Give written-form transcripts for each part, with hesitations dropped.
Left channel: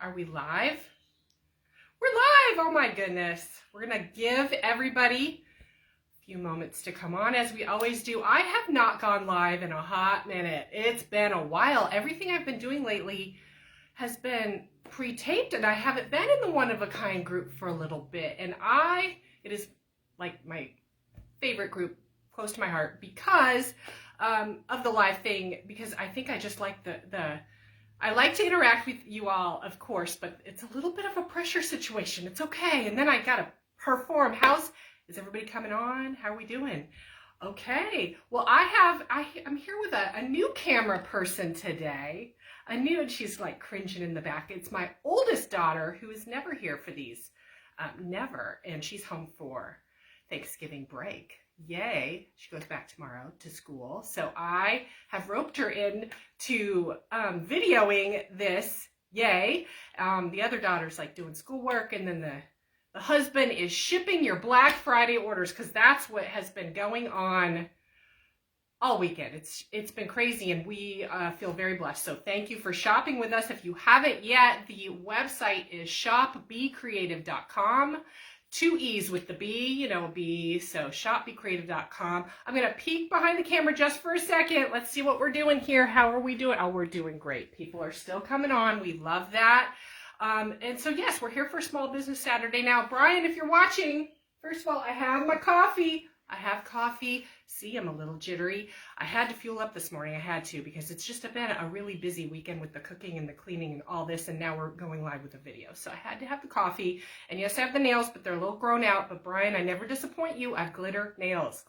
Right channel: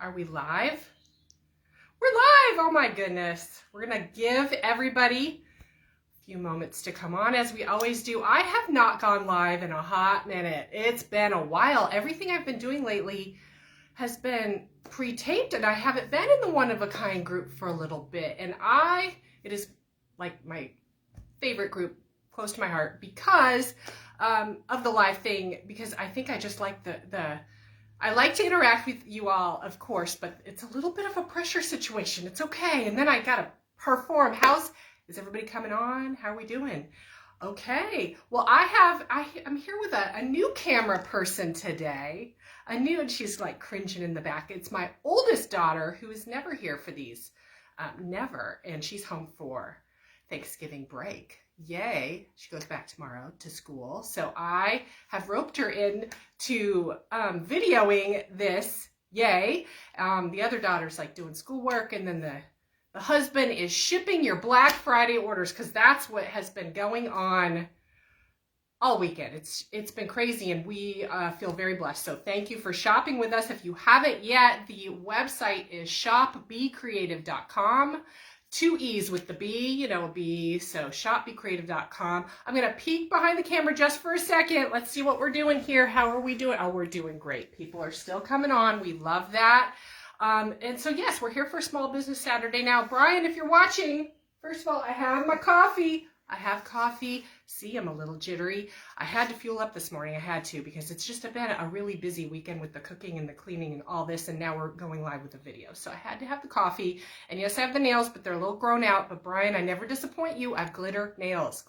Are we live? We're live! Oh my goodness. We're gonna give everybody a few moments to come on as we always do. I have not gone live in a hot minute. It's been a while. Everything I've been doing lately has been pre-taped and I haven't been in the one of a kind group for a little bit. And it is like my favorite group, close to my heart, because of the live thing, because I think I just like I like to interact with you all, of course, but it's a little bit of a pressure situation. It's okay. And then I got to perform. Is everybody coming on? How are we doing? Okay. Well, I'm here with a new camera person today. And she's like cringing in the back. It's my oldest daughter who is never here for these. Never. And she's home for Thanksgiving break. Yay. She goes back tomorrow to school. So I have roped her in to videoing this. Yay. The other daughter's like doing schoolwork, and then the husband is shipping your Black Friday orders, because that's what has been going on all weekend. It's been crazy, and we feel very blessed. So thank you for shopping with us. If you haven't yet, the website is shopbecreative.com. 2 E's with the B, a B, so shopbecreative.com. I'm going to peek behind the camera just for a second. Let's see what we're doing here. How are we doing? Oh, we're doing great. People are still coming on. We love that. And so, yes, we're here for Small Business Saturday. Now, Brian, if you're watching, first of all, I have my coffee. I have coffee. See, I'm a little jittery. I had to fuel up this morning. I had to, because it's just been a really busy weekend with the cooking and the cleaning and all this, and now we're going live with the video. So I had to have the coffee. And yes, I have the nails, but they're a little grown out. But Brian, I never disappoint you. I have glitter nails.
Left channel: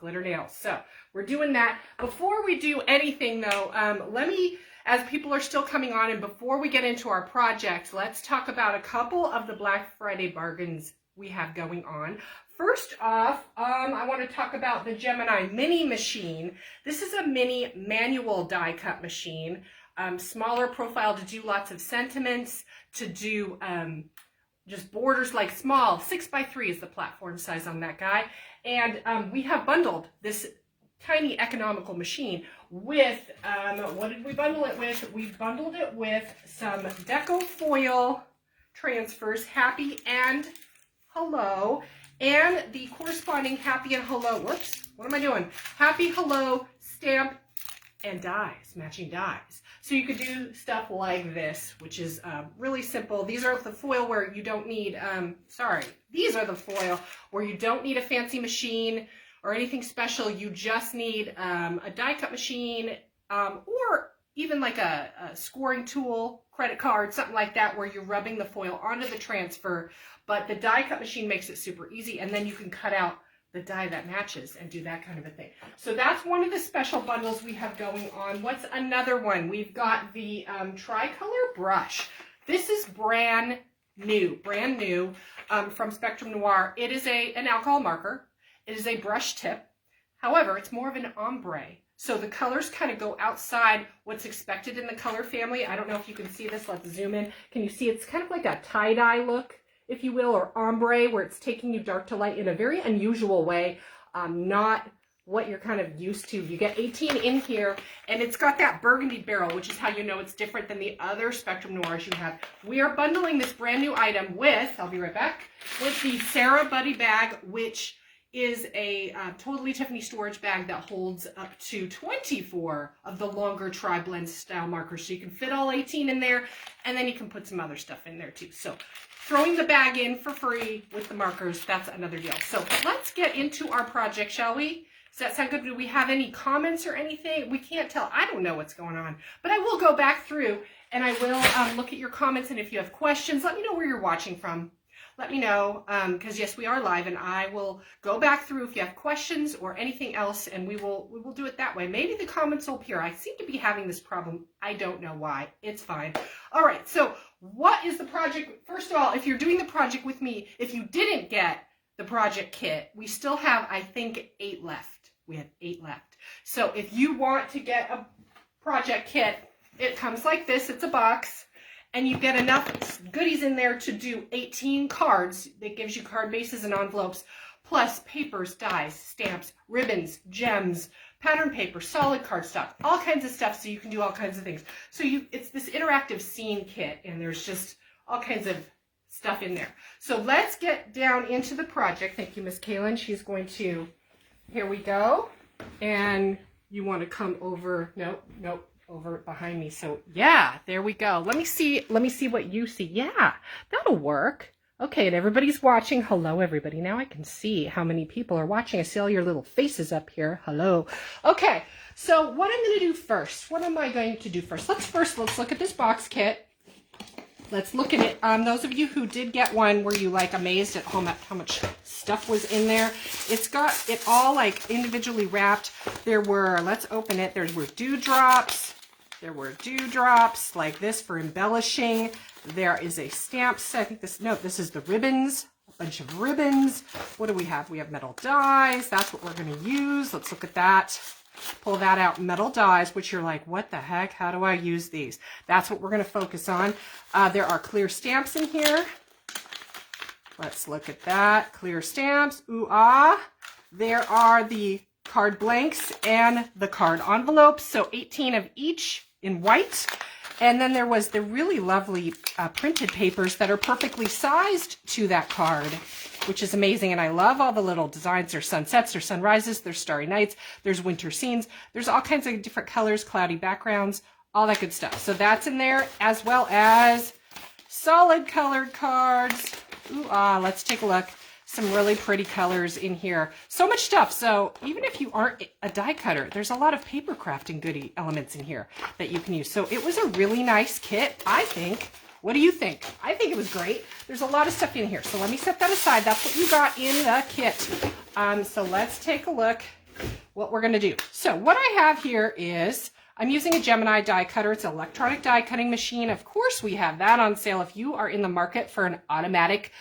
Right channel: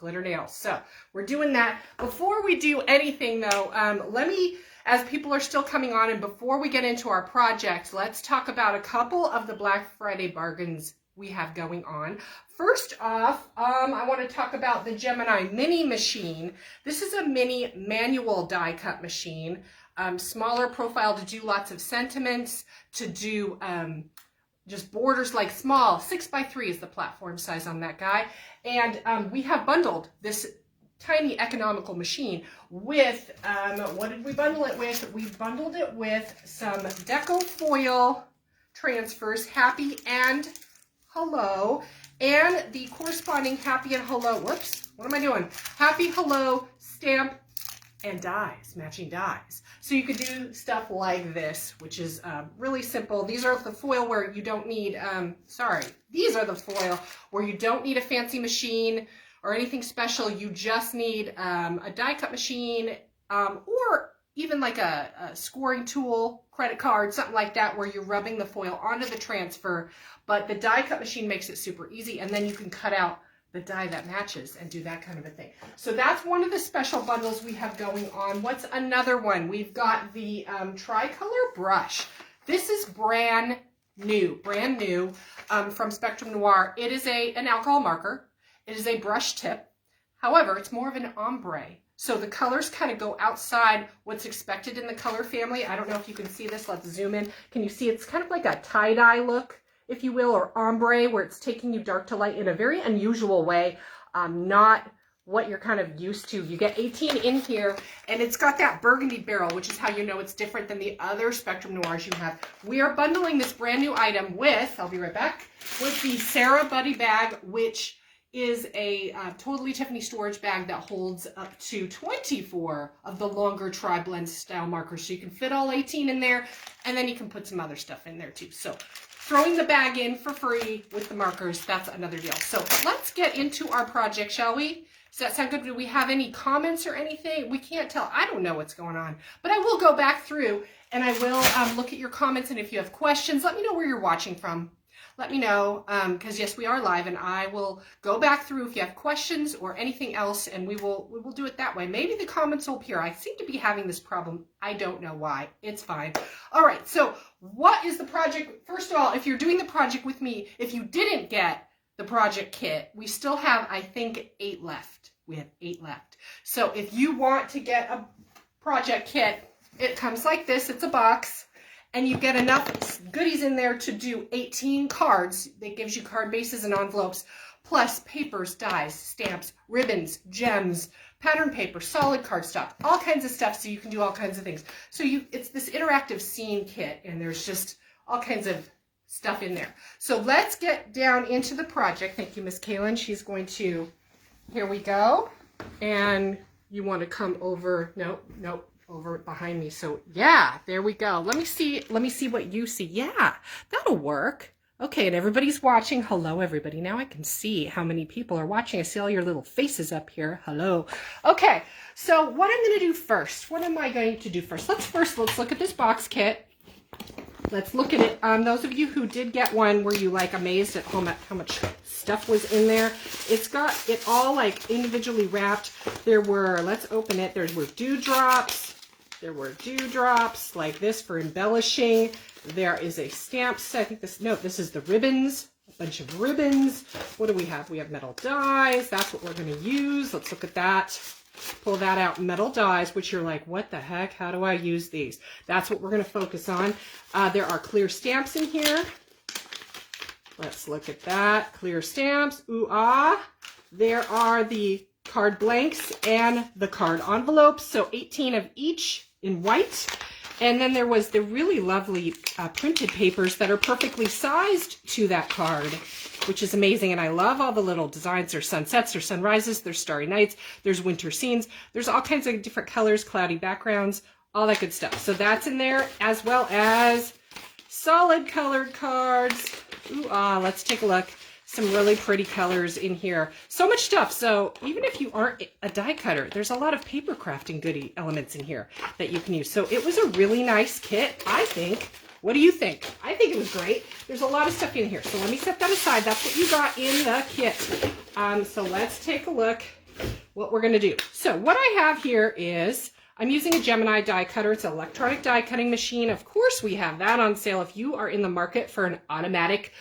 So we're doing that. Before we do anything, though, let me, as people are still coming on, and before we get into our project, let's talk about a couple of the Black Friday bargains we have going on. First off, I want to talk about the Gemini mini machine. This is a mini manual die cut machine, smaller profile to do lots of sentiments, to do just borders, like small, 6x3 is the platform size on that guy. And we have bundled this tiny economical machine with, what did we bundle it with? We bundled it with some deco foil transfers, happy and hello, and the corresponding happy and hello, whoops, what am I doing? Happy, hello, stamp, and dies, matching dies. So you could do stuff like this, which is really simple. These are the foil where you don't need, these are the foil where you don't need a fancy machine or anything special. You just need a die cut machine, or even like a scoring tool, credit card, something like that, where you're rubbing the foil onto the transfer. But the die cut machine makes it super easy, and then you can cut out the die that matches and do that kind of a thing. So that's one of the special bundles we have going on. What's another one? We've got the tricolor brush. This is brand new from Spectrum Noir. It is an alcohol marker. It is a brush tip. However, it's more of an ombre. So the colors kind of go outside what's expected in the color family. I don't know if you can see this. Let's zoom in. Can you see it's kind of like a tie-dye look, if you will, or ombre, where it's taking you dark to light in a very unusual way, not what you're kind of used to. You get 18 in here, and it's got that burgundy barrel, which is how you know it's different than the other Spectrum Noirs you have. We are bundling this brand new item with, I'll be right back, with the Sarah Buddy bag, which is a totally Tiffany storage bag that holds up to 24 of the longer tri-blend style markers. So you can fit all 18 in there, and then you can put some other stuff in there too. So throwing the bag in for free with the markers, that's another deal. So let's get into our project, shall we? Does that sound good? Do we have any comments or anything? We can't tell. I don't know what's going on, but I will go back through and I will look at your comments. And if you have questions, let me know where you're watching from. Let me know, because yes, we are live, and I will go back through if you have questions or anything else, and we will do it that way. Maybe the comments will appear. I seem to be having this problem. I don't know why. It's fine. All right, so what is the project? First of all, if you're doing the project with me, if you didn't get the project kit, we still have, I think, 8 left. We have 8 left. So if you want to get a project kit, it comes like this. It's a box. And you get enough goodies in there to do 18 cards. That gives you card bases and envelopes, plus papers, dies, stamps, ribbons, gems, pattern paper, solid cardstock, all kinds of stuff, so you can do all kinds of things. So it's this interactive scene kit, and there's just all kinds of stuff in there. So let's get down into the project. Thank you, Miss Kaylin. She's going to, here we go. And you want to come over, nope, over behind me. So yeah, there we go. Let me see what you see. Yeah, that'll work. Okay, and everybody's watching. Hello, everybody. Now I can see how many people are watching. I see all your little faces up here. Hello. Okay, so what I'm going to do first, what am I going to do first? Let's look at this box kit. Let's look at it. Those of you who did get one, were you like amazed at how much stuff was in there? It's got it all like individually wrapped. There were, let's open it. There were dewdrops. There were dewdrops like this for embellishing. There is a stamp set. I think this is the ribbons, a bunch of ribbons. What do we have? We have metal dies. That's what we're going to use. Let's look at that. Pull that out, metal dies, which you're like, what the heck? How do I use these? That's what we're going to focus on. There are clear stamps in here. Let's look at that. Clear stamps. Ooh, ah. There are the card blanks and the card envelopes. So 18 of each in white. And then there was the really lovely printed papers that are perfectly sized to that card, which is amazing. And I love all the little designs. There's sunsets, there's sunrises, there's starry nights, there's winter scenes. There's all kinds of different colors, cloudy backgrounds, all that good stuff. So that's in there, as well as solid colored cards. Ooh, ah, let's take a look. Some really pretty colors in here. So much stuff. So even if you aren't a die cutter, there's a lot of paper crafting goodie elements in here that you can use. So it was a really nice kit, I think. What do you think? I think it was great. There's a lot of stuff in here. So let me set that aside. That's what you got in the kit. So let's take a look what we're going to do. So what I have here is, I'm using a Gemini die cutter. It's an electronic die cutting machine. Of course, we have that on sale. If you are in the market for an automatic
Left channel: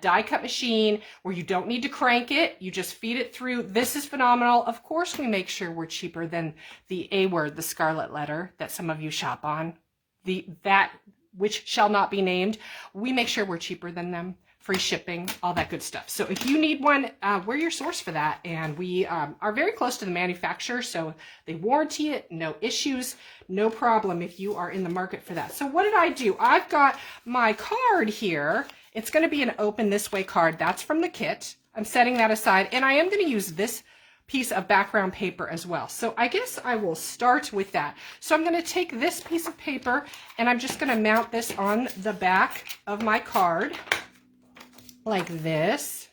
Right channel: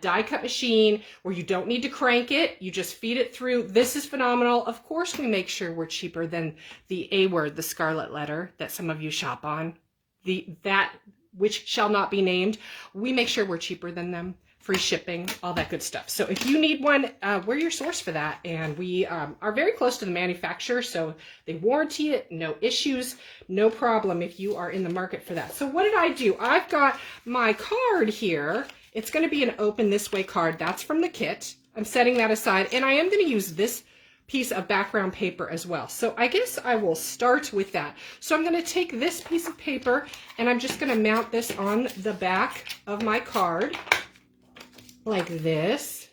die cut machine where you don't need to crank it, you just feed it through, this is phenomenal. Of course, we make sure we're cheaper than the A word, the scarlet letter that some of you shop on, that which shall not be named. We make sure we're cheaper than them. Free shipping, all that good stuff. So if you need one, we're your source for that. And we are very close to the manufacturer, so they warranty it, no issues, no problem if you are in the market for that. So what did I do? I've got my card here. It's going to be an open this way card. That's from the kit. I'm setting that aside, and I am going to use this piece of background paper as well. So I guess I will start with that. So I'm going to take this piece of paper, and I'm just going to mount this on the back of my card like this.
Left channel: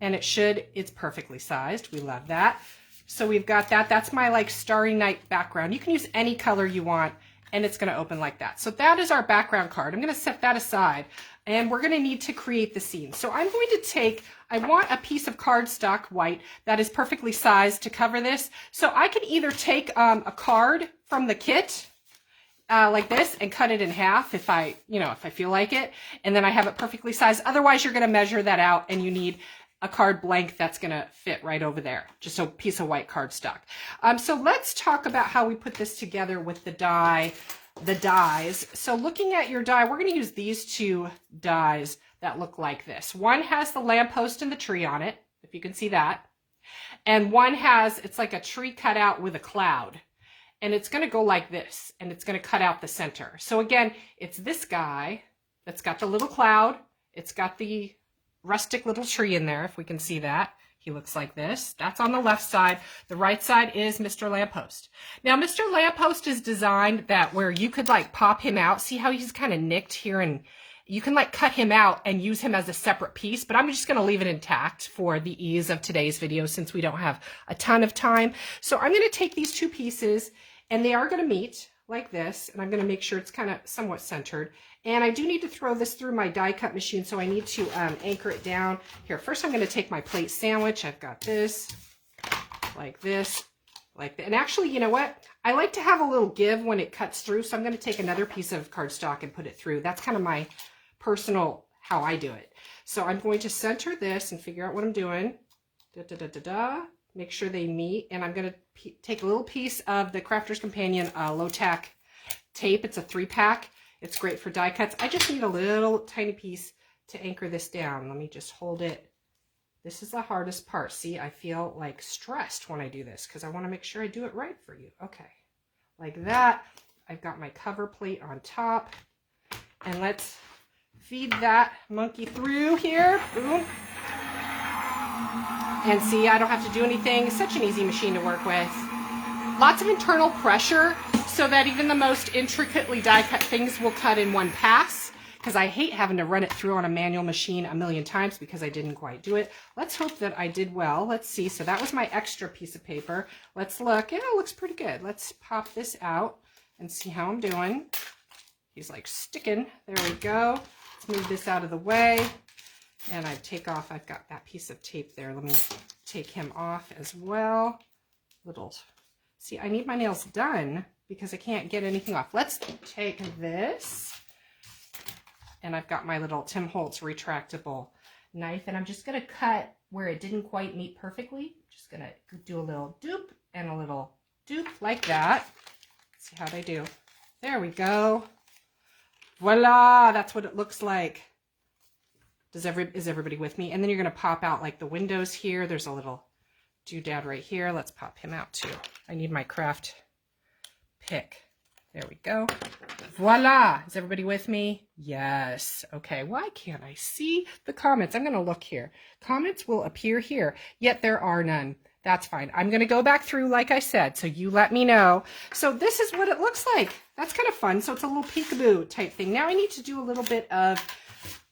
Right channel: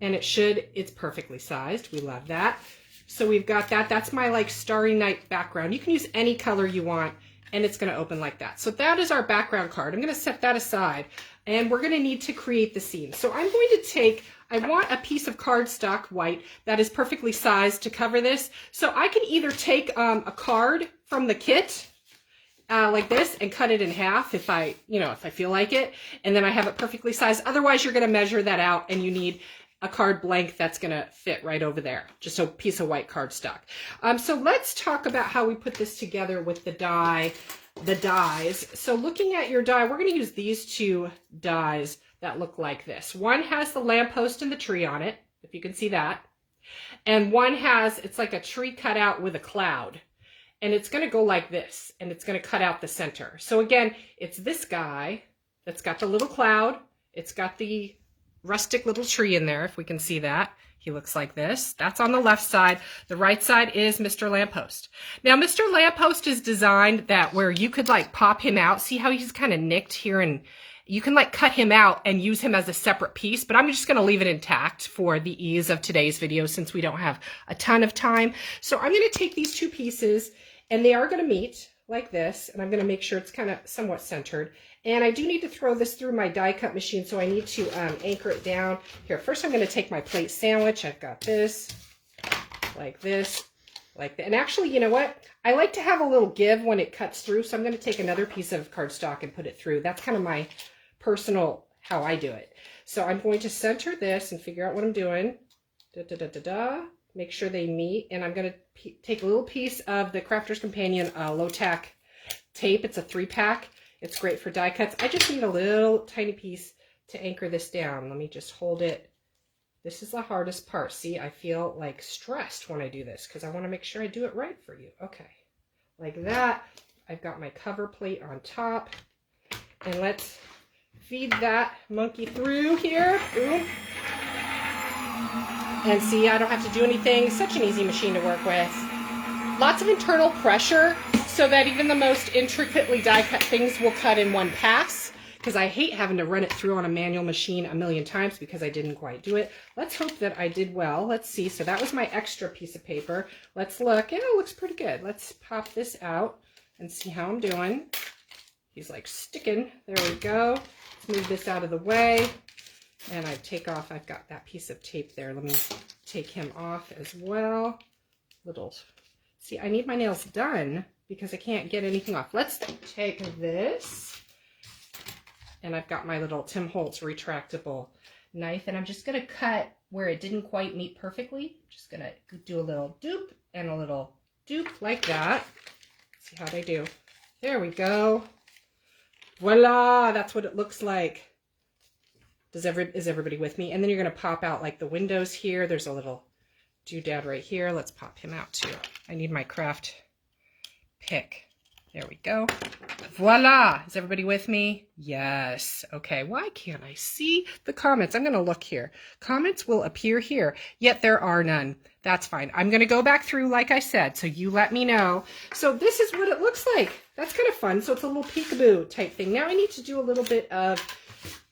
And it's perfectly sized. We love that. So we've got that. That's my like starry night background. You can use any color you want, and it's going to open like that. So that is our background card. I'm going to set that aside, and we're going to need to create the scene. So I'm going to take, I want a piece of cardstock white that is perfectly sized to cover this. So I can either take a card from the kit like this and cut it in half if I feel like it, and then I have it perfectly sized. Otherwise, you're going to measure that out, and you need a card blank that's going to fit right over there, just a piece of white cardstock. So let's talk about how we put this together with the dies. So looking at your die, we're going to use these two dies that look like this. One has the lamppost and the tree on it, if you can see that. And one has, it's like a tree cut out with a cloud. And it's going to go like this, and it's going to cut out the center. So again, it's this guy that's got the little cloud. It's got the rustic little tree in there, if we can see that. He looks like this. That's on the left side. The right side is Mr. Lamppost. Now, Mr. Lamppost is designed that where you could like pop him out. See how he's kind of nicked here, and you can like cut him out and use him as a separate piece, but I'm just going to leave it intact for the ease of today's video since we don't have a ton of time. So I'm going to take these two pieces, and they are going to meet like this, and I'm going to make sure it's kind of somewhat centered. And I do need to throw this through my die cut machine, so I need to anchor it down. Here, first I'm going to take my plate sandwich. I've got this, like that. And actually, you know what? I like to have a little give when it cuts through, so I'm going to take another piece of cardstock and put it through. That's kind of my personal, how I do it. So I'm going to center this and figure out what I'm doing. Make sure they meet, and I'm going to take a little piece of the Crafter's Companion low-tack tape. It's a 3-pack. It's great for die cuts. I just need a little tiny piece to anchor this down. Let me just hold it. This is the hardest part. See, I feel like stressed when I do this because I want to make sure I do it right for you. Okay, like that. I've got my cover plate on top. And let's feed that monkey through here. Boom. And see, I don't have to do anything. Such an easy machine to work with. Lots of internal pressure so that even the most intricately die cut things will cut in one pass. Because I hate having to run it through on a manual machine a million times because I didn't quite do it. Let's hope that I did well. Let's see. So that was my extra piece of paper. Let's look. Yeah, it looks pretty good. Let's pop this out and see how I'm doing. He's like sticking. There we go. Let's move this out of the way. And I take off, I've got that piece of tape there. Let me take him off as well. See, I need my nails done because I can't get anything off. Let's take this. And I've got my little Tim Holtz retractable knife. And I'm just going to cut where it didn't quite meet perfectly. Just going to do a little doop and a little doop like that. Let's see how they do. There we go. Voila! That's what it looks like. Is everybody with me? And then you're going to pop out like the windows here. There's a little doodad right here. Let's pop him out too. I need my craft pick. There we go. Voila! Is everybody with me? Yes. Okay, why can't I see the comments? I'm going to look here. Comments will appear here, yet there are none. That's fine. I'm going to go back through like I said, so you let me know. So this is what it looks like. That's kind of fun. So it's a little peekaboo type thing. Now I need to do a little bit of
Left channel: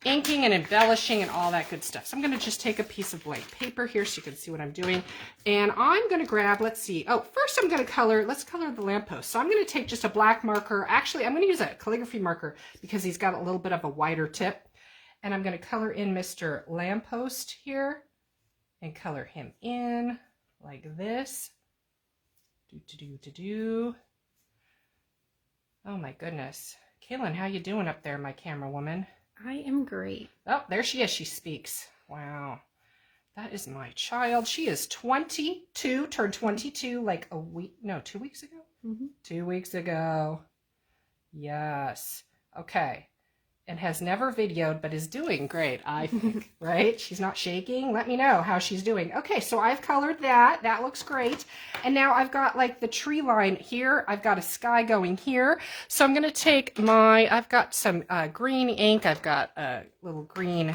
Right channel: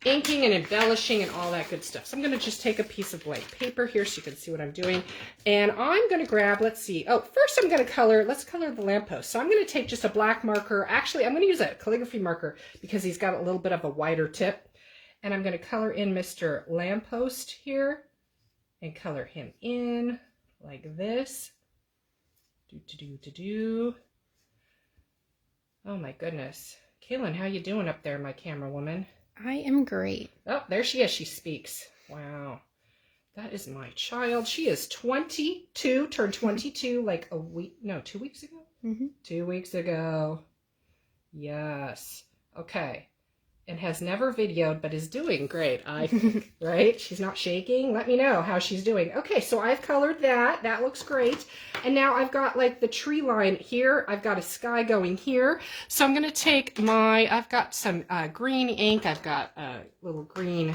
inking and embellishing and all that good stuff. So I'm going to just take a piece of white paper here so you can see what I'm doing. And I'm going to grab, let's see. Oh, first I'm going to color, let's color the lamppost. So I'm going to take just a black marker. Actually, I'm going to use a calligraphy marker because he's got a little bit of a wider tip. And I'm going to color in Mr. Lamppost here and color him in like this. Oh my goodness. Kaylin, how you doing up there, my camera woman? I am great. Oh, there she is. She speaks. Wow. That is my child. She is 22, turned 22 like 2 weeks ago? Mm-hmm. 2 weeks ago. Yes. Okay. And has never videoed, but is doing great, I think, right? She's not shaking. Let me know how she's doing. Okay, so I've colored that. That looks great. And now I've got like the tree line here. I've got a sky going here. So I'm going to take I've got some green ink. I've got a little green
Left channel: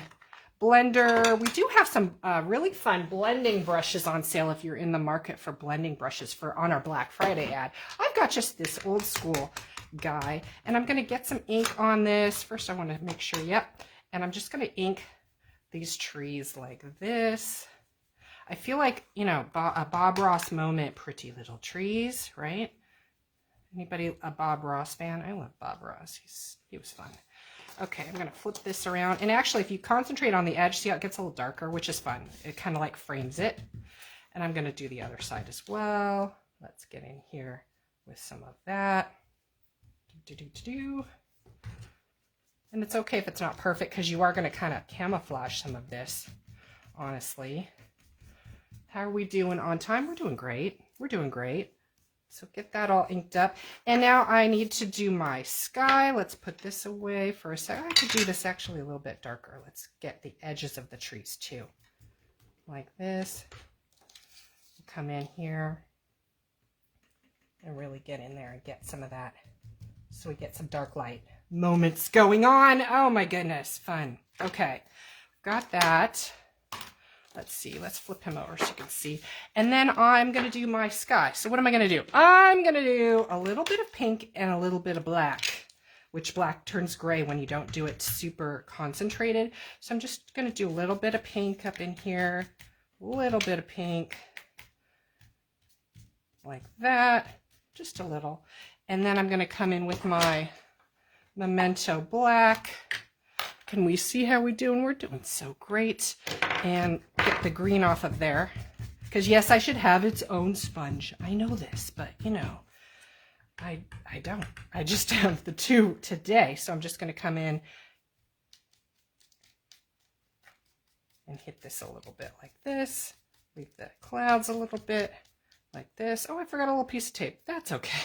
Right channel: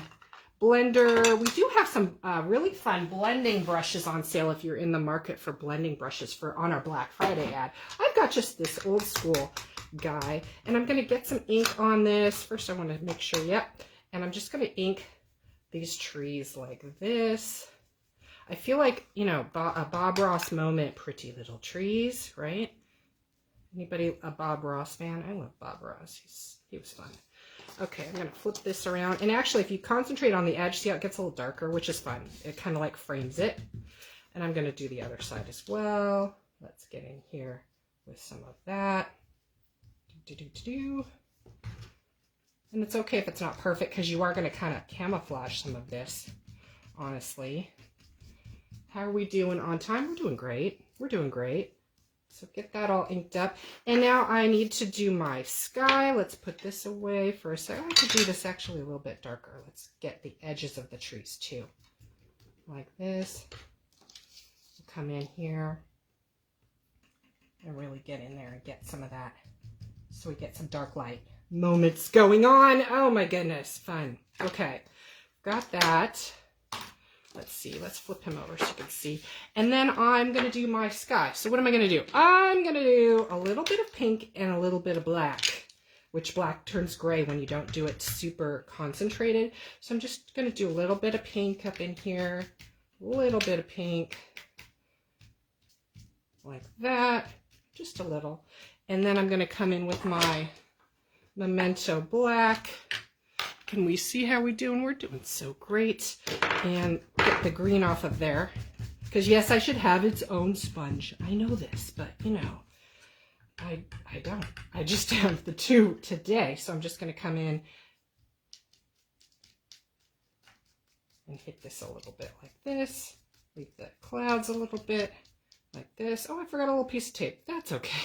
blender. We do have some really fun blending brushes on sale if you're in the market for blending brushes on our Black Friday ad. I've got just this old school guy, and I'm going to get some ink on this. First I want to make sure, yep, and I'm just going to ink these trees like this. I feel like, you know, a Bob Ross moment, Pretty Little Trees, right? Anybody a Bob Ross fan? I love Bob Ross. He was fun. Okay, I'm going to flip this around, and actually if you concentrate on the edge, see how it gets a little darker, which is fun. It kind of like frames it. And I'm going to do the other side as well. Let's get in here with some of that. And it's okay if it's not perfect because you are going to kind of camouflage some of this, honestly. How are we doing on time? We're doing great. We're doing great. So get that all inked up. And now I need to do my sky. Let's put this away for a second. I could do this actually a little bit darker. Let's get the edges of the trees too. Like this. Come in here and really get in there and get some of that. So we get some dark light moments going on. Oh my goodness, fun. Okay, got that. Let's see, let's flip him over so you can see. And then I'm gonna do my sky. So what am I gonna do? I'm gonna do a little bit of pink and a little bit of black, which black turns gray when you don't do it super concentrated. So I'm just gonna do a little bit of pink up in here, a little bit of pink, like that, just a little. And then I'm going to come in with my Memento Black. Can we see how we're doing? We're doing so great. And get the green off of there. Because yes, I should have its own sponge. I know this, but you know, I don't. I just have the two today. So I'm just going to come in and hit this a little bit like this. Leave the clouds a little bit like this. Oh, I forgot a little piece of tape. That's okay.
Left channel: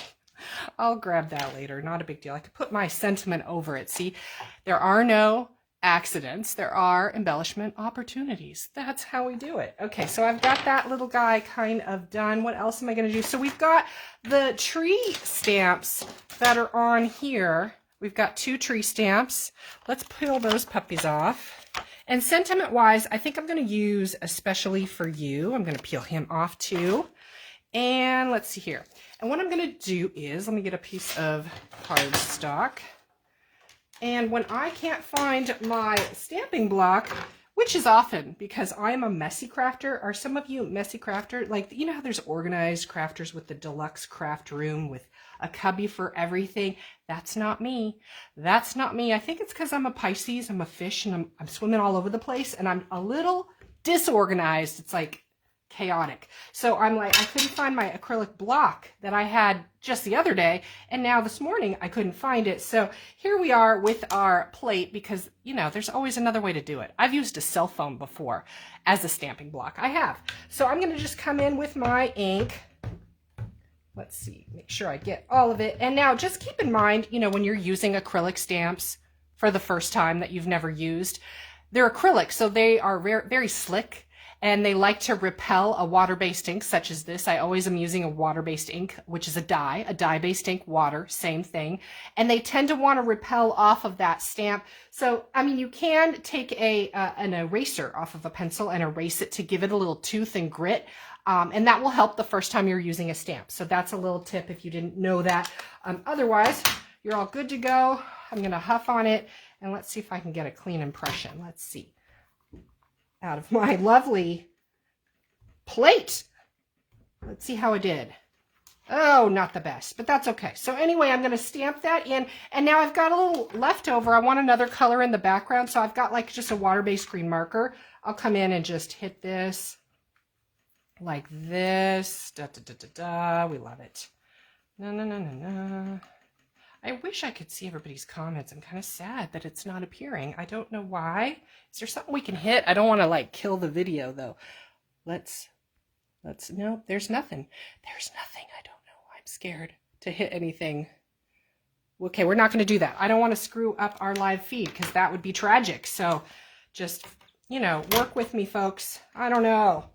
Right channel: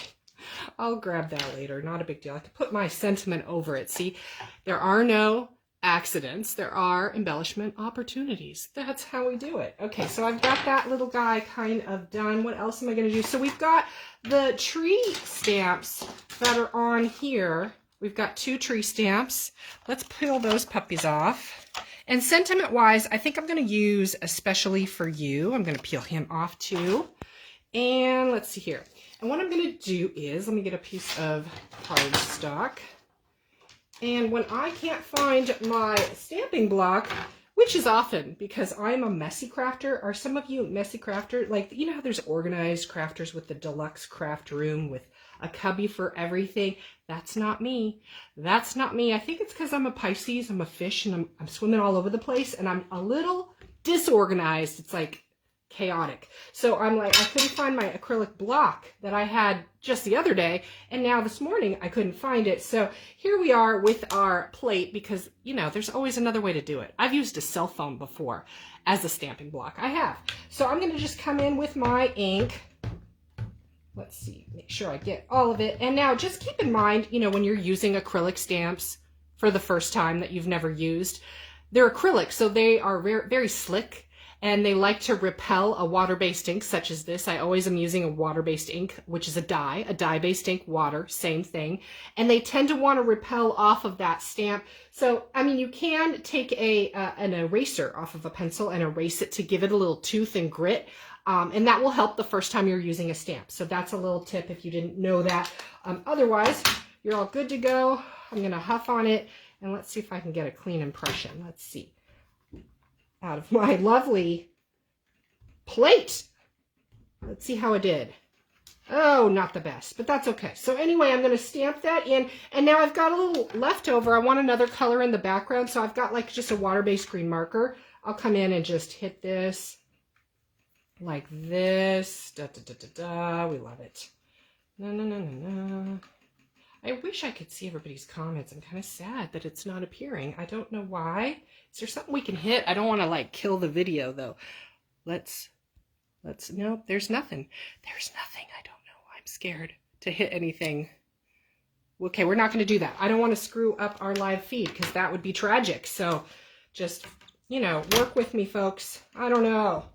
I'll grab that later. Not a big deal. I have to put my sentiment over it. See, there are no accidents. There are embellishment opportunities. That's how we do it. Okay, so I've got that little guy kind of done. What else am I going to do? So we've got the tree stamps that are on here. We've got 2 tree stamps. Let's peel those puppies off. And sentiment-wise, I think I'm going to use Especially for You. I'm going to peel him off too. And let's see here. And what I'm going to do is, let me get a piece of cardstock. And when I can't find my stamping block, which is often because I'm a messy crafter. Are some of you messy crafter? Like, you know how there's organized crafters with the deluxe craft room with a cubby for everything? That's not me. That's not me. I think it's because I'm a Pisces, I'm a fish, and I'm swimming all over the place, and I'm a little disorganized. It's like chaotic. So I'm like, I couldn't find my acrylic block that I had just the other day, and now this morning I couldn't find it. So here we are with our plate because, you know, there's always another way to do it. I've used a cell phone before as a stamping block. I have. So I'm going to just come in with my ink. Let's see, make sure I get all of it. And now just keep in mind, you know, when you're using acrylic stamps for the first time that you've never used, they're acrylic, so they are very, very slick, and they like to repel a water-based ink such as this. I always am using a water-based ink, which is a dye-based ink, water, same thing. And they tend to want to repel off of that stamp. So, I mean, you can take an eraser off of a pencil and erase it to give it a little tooth and grit. And that will help the first time you're using a stamp. So that's a little tip if you didn't know that. Otherwise, you're all good to go. I'm going to huff on it, and let's see if I can get a clean impression. Let's see. Out of my lovely plate. Let's see how I did. Oh, not the best, but that's okay. So anyway, I'm going to stamp that in, and now I've got a little leftover. I want another color in the background, so I've got like just a water-based green marker. I'll come in and just hit this. Like this, da da da da da. We love it. No, no, no, no, no. I wish I could see everybody's comments. I'm kind of sad that it's not appearing. I don't know why. Is there something we can hit? I don't want to like kill the video though. Let's. No, there's nothing. There's nothing. I don't know. I'm scared to hit anything. Okay, we're not going to do that. I don't want to screw up our live feed because that would be tragic. So, just work with me, folks. I don't know.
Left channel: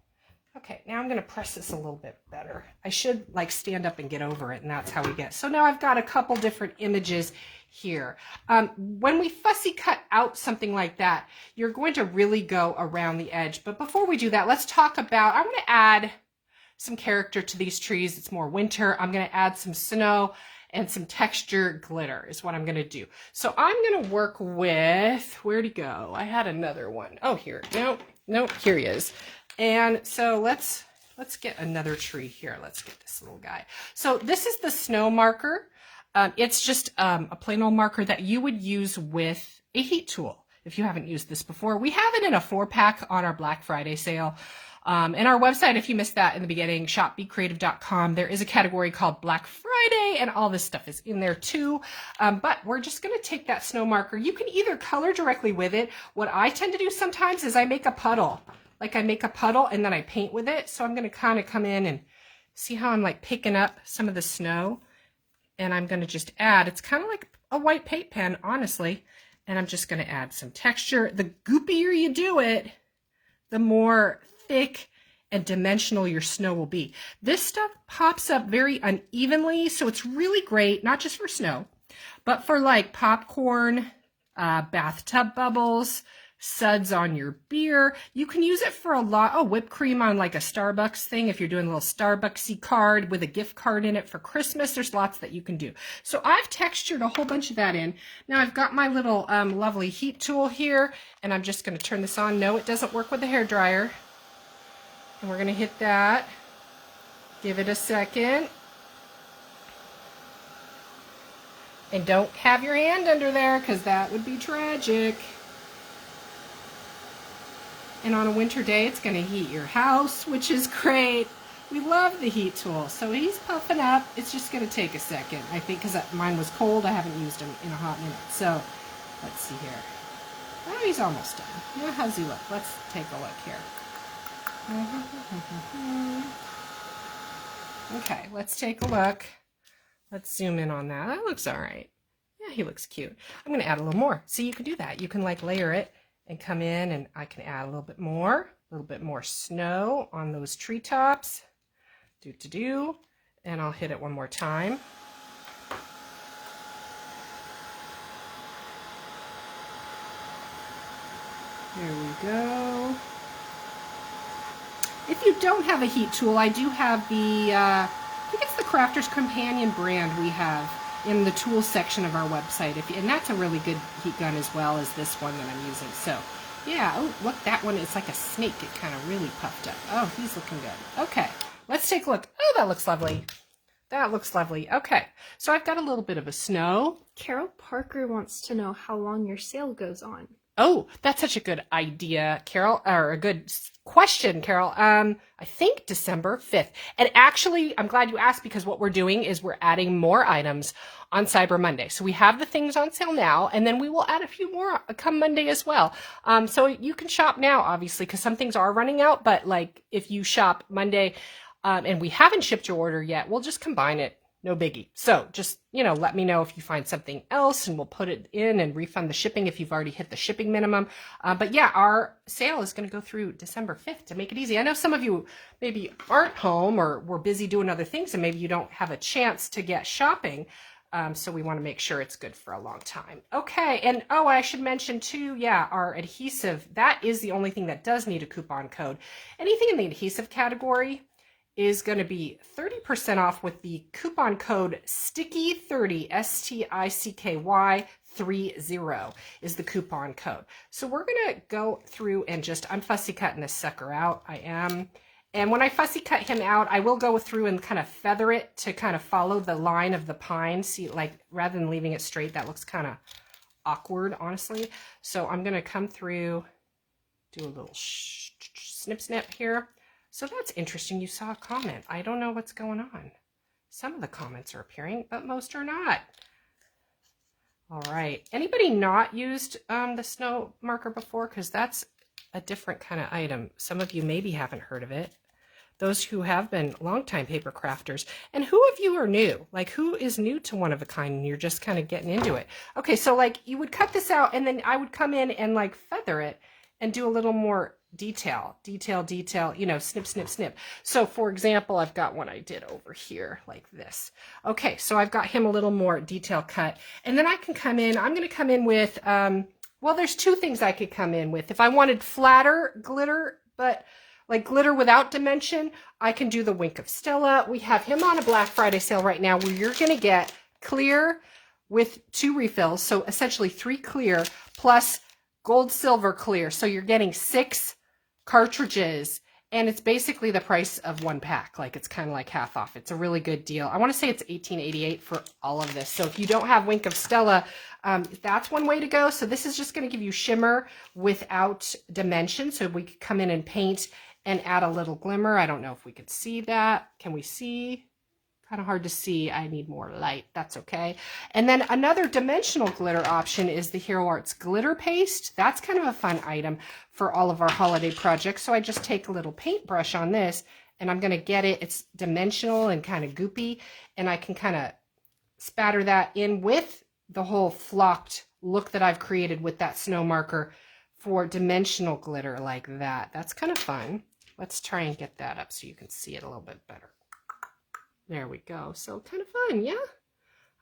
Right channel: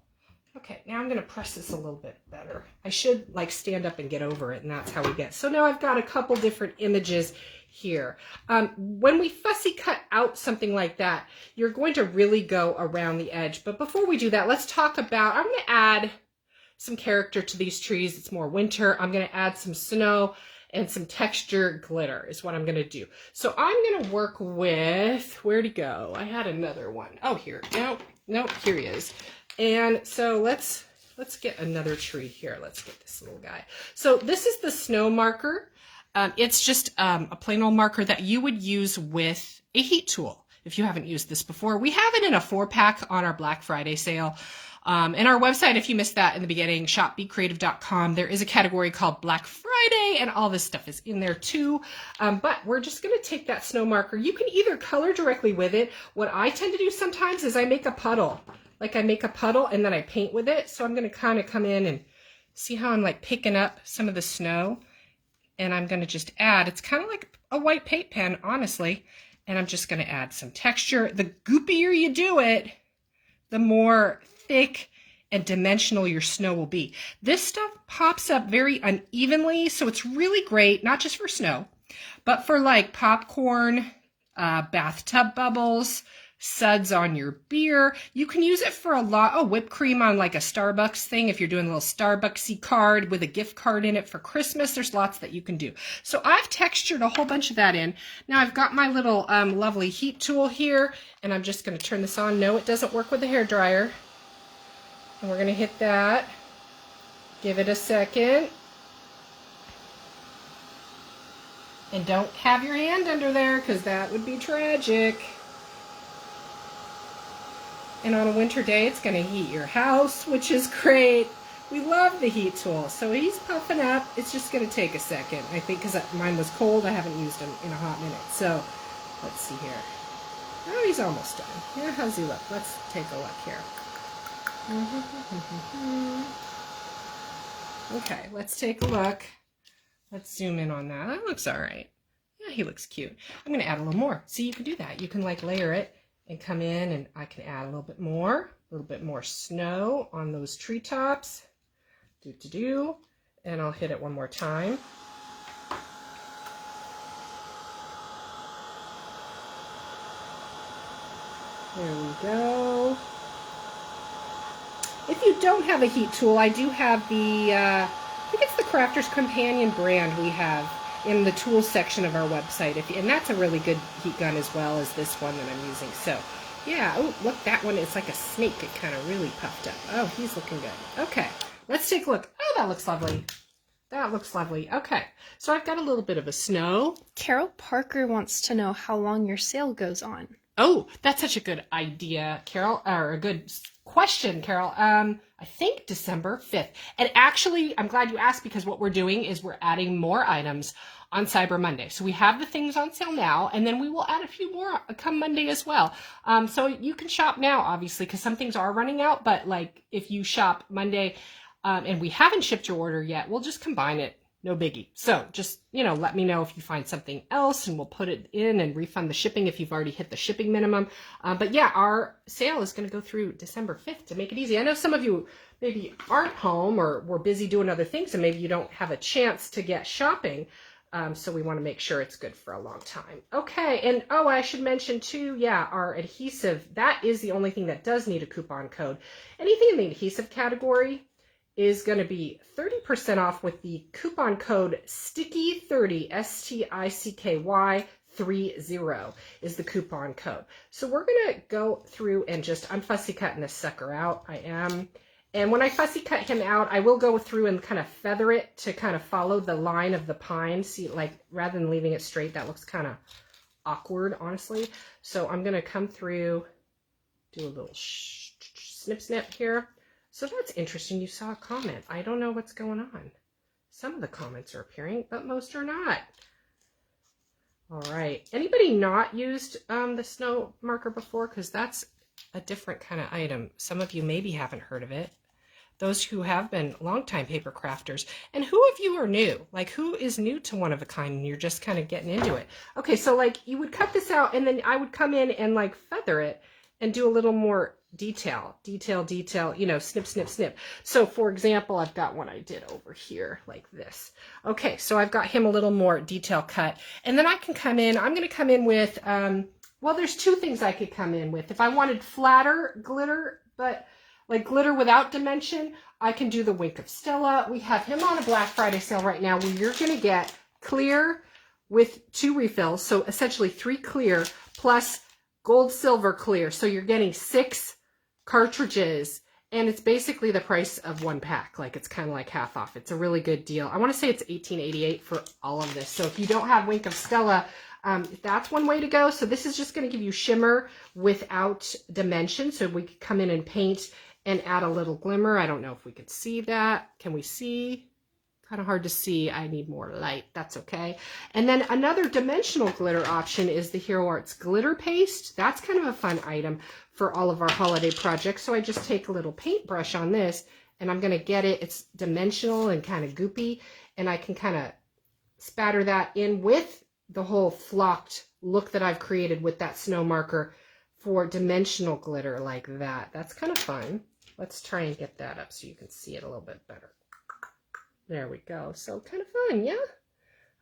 Okay, now I'm going to press this a little bit better. I should like stand up and get over it, and that's how we get. So now I've got a couple different images here. When we fussy cut out something like that, you're going to really go around the edge. But before we do that, let's talk about, I'm going to add some character to these trees. It's more winter. I'm going to add some snow and some texture glitter is what I'm going to do. So I'm going to work with, where'd he go? I had another one. Oh, here. No, here he is. And so let's get another tree here. Let's get this little guy. So this is the snow marker. It's just a plain old marker that you would use with a heat tool if you haven't used this before. We have it in a 4-pack on our Black Friday sale. And our website, if you missed that in the beginning, shopbecreative.com, there is a category called Black Friday, and all this stuff is in there too. But we're just going to take that snow marker. You can either color directly with it. What I tend to do sometimes is I make a puddle. Like I make a puddle and then I paint with it. So I'm going to kind of come in and see how I'm like picking up some of the snow. And I'm going to just add, it's kind of like a white paint pen, honestly. And I'm just going to add some texture. The goopier you do it, the more thick and dimensional your snow will be. This stuff pops up very unevenly. So it's really great, not just for snow, but for like popcorn, bathtub bubbles, suds on your beer. You can use it for a lot. Oh, whipped cream on like a Starbucks thing. If you're doing a little Starbucksy card with a gift card in it for Christmas, there's lots that you can do. So I've textured a whole bunch of that in. Now I've got my little lovely heat tool here, and I'm just going to turn this on. No, it doesn't work with a hairdryer. And we're going to hit that. Give it a second. And don't have your hand under there because that would be tragic. And on a winter day, it's going to heat your house, which is great. We love the heat tool. So he's puffing up. It's just going to take a second, I think, because mine was cold. I haven't used him in a hot minute. So let's see here. Oh, he's almost done. Yeah, how's he look? Let's take a look here. Okay, let's take a look. Let's zoom in on that. That looks all right. Yeah, he looks cute. I'm going to add a little more. See, you can do that. You can like layer it and come in, and I can add a little bit more snow on those treetops. And I'll hit it one more time. There we go. If you don't have a heat tool, I do have the, I think it's the Crafter's Companion brand we have in the tools section of our website. And that's a really good heat gun as well as this one that I'm using. So, yeah. Oh, look, that one is like a snake. It kind of really puffed up. Oh, he's looking good. Okay, let's take a look. Oh, that looks lovely. That looks lovely. Okay, so I've got a little bit of a snow. Carol Parker wants to know how long your sale goes on. Oh, that's such a good idea, Carol, or a good question, Carol. I think December 5th. And actually, I'm glad you asked, because what we're doing is we're adding more items on Cyber Monday. So we have the things on sale now, and then we will add a few more come Monday as well. So you can shop now, obviously, because some things are running out. But like if you shop Monday and we haven't shipped your order yet, we'll just combine it. No biggie. So just, let me know if you find something else, and we'll put it in and refund the shipping if you've already hit the shipping minimum. But yeah, our sale is going to go through December 5th to make it easy. I know some of you maybe aren't home or were busy doing other things, and maybe you don't have a chance to get shopping. So we want to make sure it's good for a long time. Okay, and oh, I should mention too, yeah, our adhesive, that is the only thing that does need a coupon code. Anything in the adhesive category is going to be 30% off with the coupon code STICKY30, STICKY 30 is the coupon code. So we're going to go through and I'm fussy cutting this sucker out. I am. And when I fussy cut him out, I will go through and kind of feather it to kind of follow the line of the pine. See, like, rather than leaving it straight, that looks kind of awkward, honestly. So I'm going to come through, do a little snip snip here. So that's interesting. You saw a comment. I don't know what's going on. Some of the comments are appearing, but most are not. All right. Anybody not used the snow marker before? Because that's a different kind of item. Some of you maybe haven't heard of it. Those who have been longtime paper crafters. And who of you are new? Like, who is new to one of a kind and you're just kind of getting into it? Okay, so like you would cut this out, and then I would come in and like feather it and do a little more detail, snip, snip, snip. So for example, I've got one I did over here like this. Okay, so I've got him a little more detail cut. And then I can come in, I'm going to come in with, well, there's two things I could come in with. If I wanted flatter glitter, but like glitter without dimension, I can do the Wink of Stella. We have him on a Black Friday sale right now where you're going to get clear with 2 refills. So essentially 3 clear plus gold, silver, clear. So you're getting 6 cartridges, and it's basically the price of 1 pack. Like, it's kind of like half off. It's a really good deal. I want to say it's $18.88 for all of this. So if you don't have Wink of Stella, that's one way to go. So this is just going to give you shimmer without dimension. So we could come in and paint and add a little glimmer. I don't know if we could see that. Can we see? Kind of hard to see. I need more light. That's okay. And then another dimensional glitter option is the Hero Arts Glitter Paste. That's kind of a fun item for all of our holiday projects. So I just take a little paintbrush on this, and I'm going to get it. It's dimensional and kind of goopy, and I can kind of spatter that in with the whole flocked look that I've created with that snow marker for dimensional glitter like that. That's kind of fun. Let's try and get that up so you can see it a little bit better. There we go. So kind of fun, yeah?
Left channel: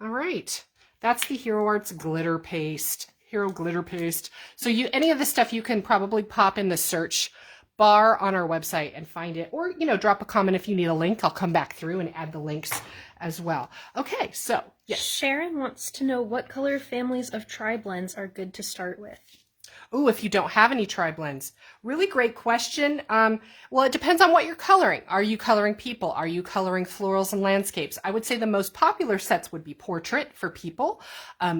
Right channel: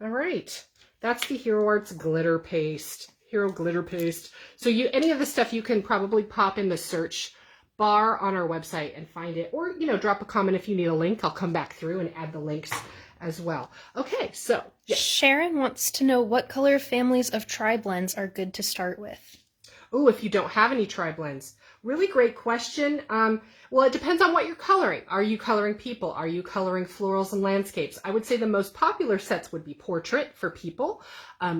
All right. That's the Hero Arts Glitter Paste. Hero Glitter Paste. So any of this stuff you can probably pop in the search bar on our website and find it. Or, drop a comment if you need a link. I'll come back through and add the links as well. Okay, so yes. Sharon wants to know what color families of tri-blends are good to start with. Oh, if you don't have any tri-blends. Really great question. Well, it depends on what you're coloring. Are you coloring people? Are you coloring florals and landscapes? I would say the most popular sets would be portrait for people,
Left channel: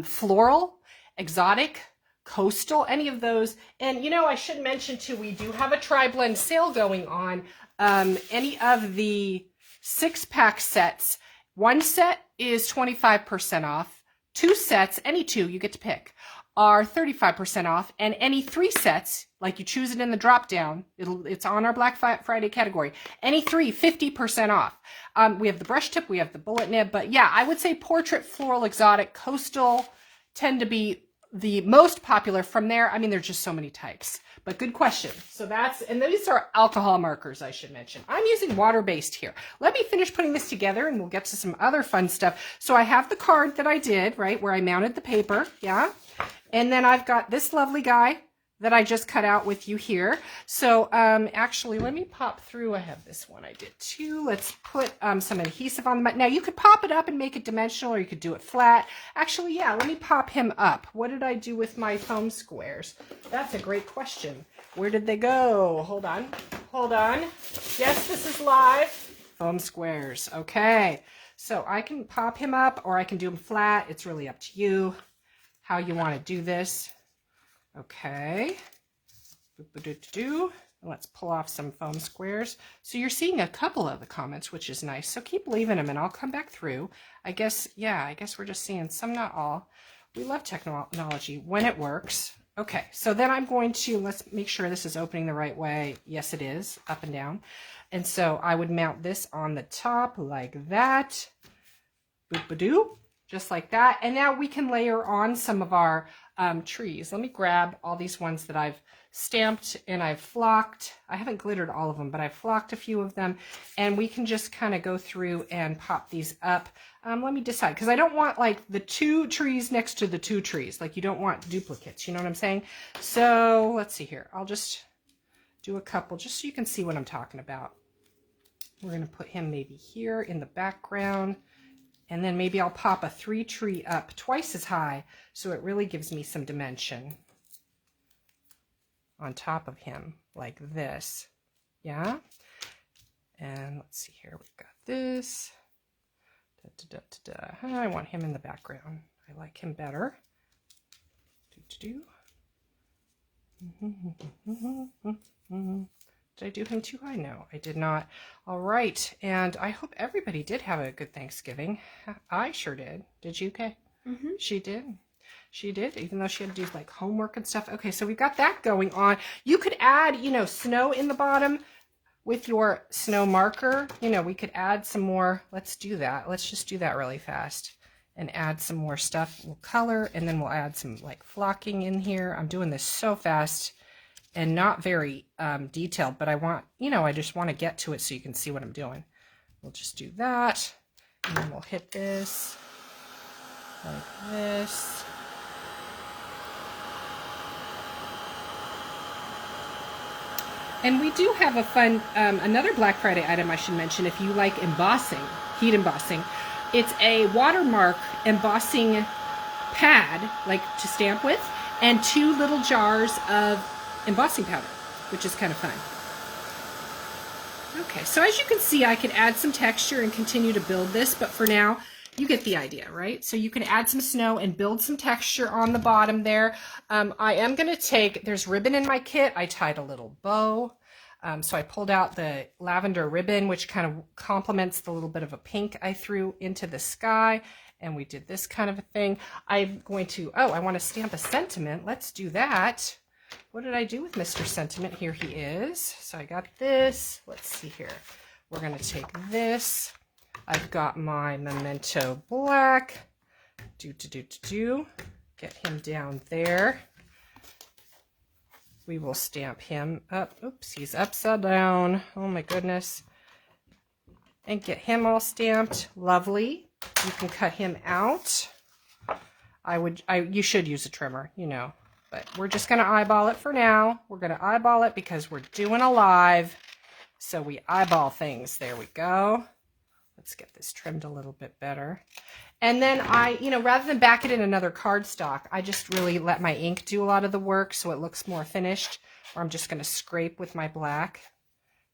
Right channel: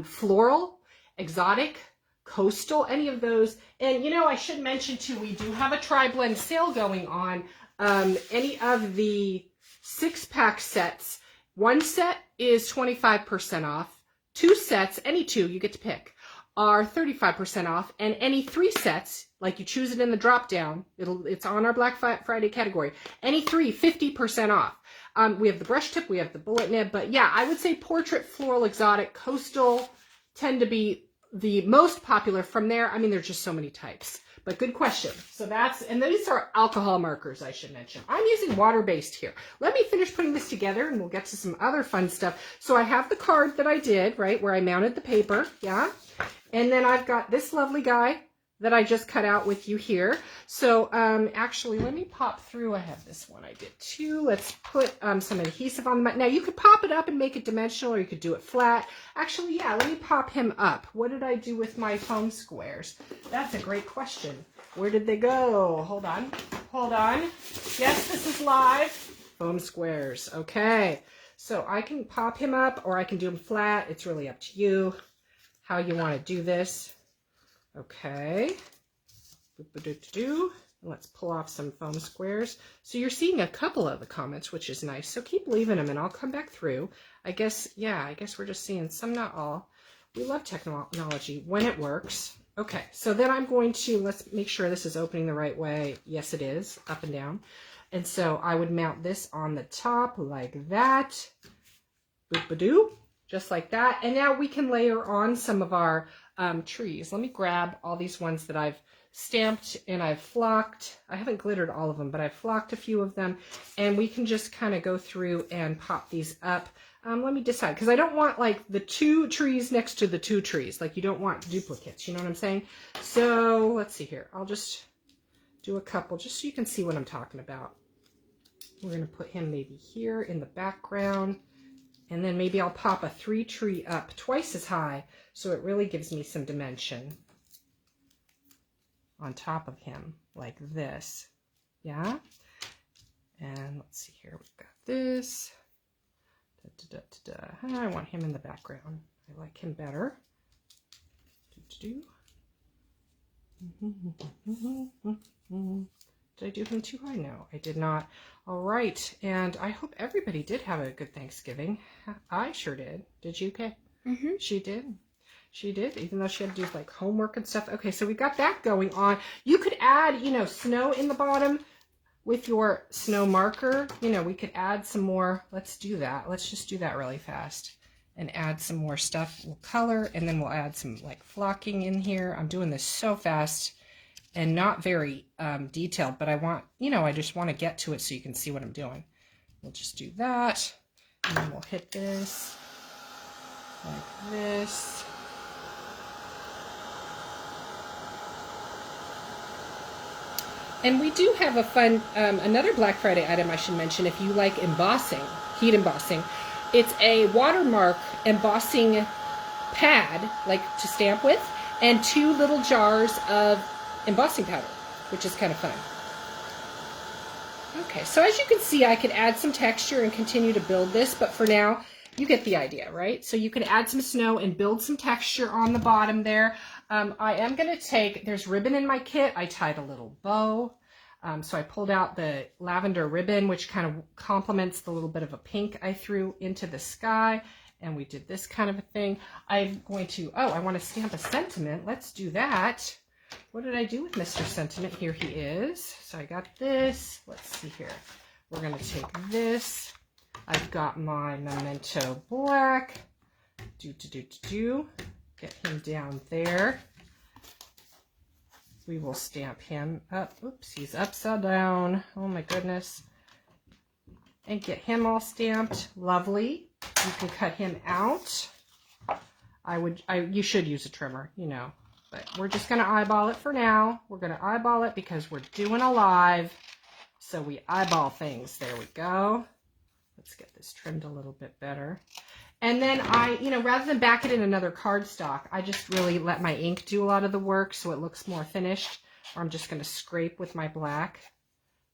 floral, exotic, coastal, any of those. And, I should mention too, we do have a tri-blend sale going on. Any of the 6-pack sets, 1 set is 25% off. 2 sets, any 2, you get to pick, are 35% off, and any 3 sets, like you choose it in the drop down, it's on our Black Friday category. Any 3, 50% off. We have the brush tip, we have the bullet nib, but yeah, I would say portrait, floral, exotic, coastal tend to be the most popular. From there, I mean, there's just so many types. But good question. So and these are alcohol markers, I should mention. I'm using water-based here. Let me finish putting this together and we'll get to some other fun stuff. So I have the card that I did, right, where I mounted the paper, yeah? And then I've got this lovely guy. that I just cut out with you here. So actually, let me pop through. I have this one. I did two. Let's put some adhesive on them. Now, you could pop it up and make it dimensional, or you could do it flat. Actually, yeah, let me pop him up. What did I do with my foam squares? That's a great question. Where did they go? Hold on. Hold on. Yes, this is live. Foam squares. Okay. So I can pop him up, or I can do him flat. It's really up to you how you want to do this. Okay. Let's pull off some foam squares. So you're seeing a couple of the comments, which is nice. So keep leaving them and I'll come back through. I guess we're just seeing some, not all. We love technology when it works. Okay, so then I'm going to, let's make sure this is opening the right way. Yes, it is, up and down. And so I would mount this on the top like that. Boop-a-doo, just like that. And now we can layer on some of our trees. Let me grab all these ones that I've stamped and I've flocked. I haven't glittered all of them, but I've flocked a few of them, and we can just kind of go through and pop these up. Let me decide, because I don't want like the two trees next to the two trees. Like, you don't want duplicates, you know what I'm saying? So let's see here. I'll just do a couple just so you can see what I'm talking about. We're going to put him maybe here in the background. And then maybe I'll pop a 3-tree up twice as high, so it really gives me some dimension on top of him, like this. Yeah? And let's see here, we've got this. Oh, I want him in the background. I like him better. Did I do him too high? No, I did not. All right, and I hope everybody did have a good Thanksgiving. I sure did. Did you, Kay? Mm-hmm. She did. She did, even though she had to do like homework and stuff. Okay, so we've got that going on. You could add, you know, snow in the bottom with your snow marker. You know, we could add some more. Let's do that. Let's just do that really fast and add some more stuff. We'll color, and then we'll add some like flocking in here. I'm doing this so fast and not very detailed, but I want, you know, I just want to get to it so you can see what I'm doing. We'll just do that, and then we'll hit this like this. And we do have a fun, another Black Friday item I should mention, if you like embossing, heat embossing. It's a watermark embossing pad, like to stamp with, and 2 little jars of embossing powder, which is kind of fun. Okay, so as you can see, I could add some texture and continue to build this, but for now, you get the idea, right? So you can add some snow and build some texture on the bottom there. I am going to take, there's ribbon in my kit. I tied a little bow. So I pulled out the lavender ribbon, which kind of complements the little bit of a pink I threw into the sky. And we did this kind of a thing. I'm going to, I want to stamp a sentiment. Let's do that. What did I do with Mr. Sentiment? Here he is. So I got this. Let's see here. We're going to take this. I've got my Memento Black. Get him down there. We will stamp him up. Oops, he's upside down. Oh my goodness. And get him all stamped. Lovely. You can cut him out. You should use a trimmer, you know. But we're just going to eyeball it for now. We're going to eyeball it because we're doing a live. So we eyeball things. There we go. Let's get this trimmed a little bit better. And then rather than back it in another cardstock, I just really let my ink do a lot of the work so it looks more finished. Or I'm just going to scrape with my black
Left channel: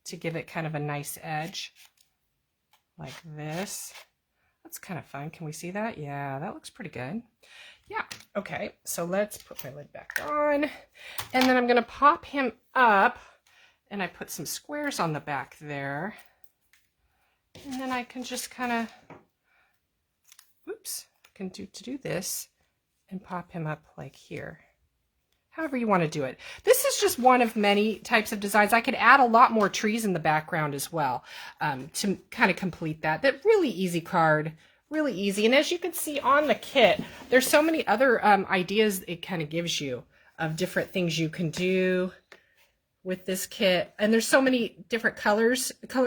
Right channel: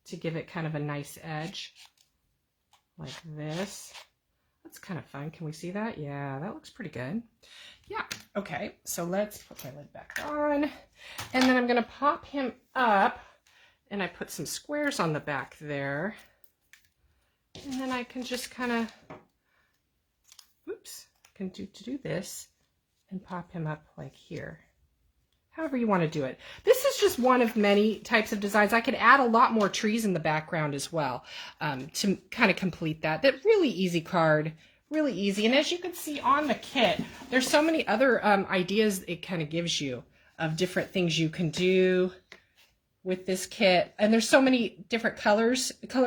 to give it kind of a nice edge. Like this. That's kind of fun. Can we see that? Yeah, that looks pretty good. Yeah. Okay, so let's put my lid back on. And then I'm going to pop him up. And I put some squares on the back there. And then I can just kind of, do this and pop him up like here. However you want to do it. This is just one of many types of designs. I could add a lot more trees in the background as well to kind of complete that. That really easy card, really easy. And as you can see on the kit, there's so many other ideas it kind of gives you of different things you can do with this kit. And there's so many different color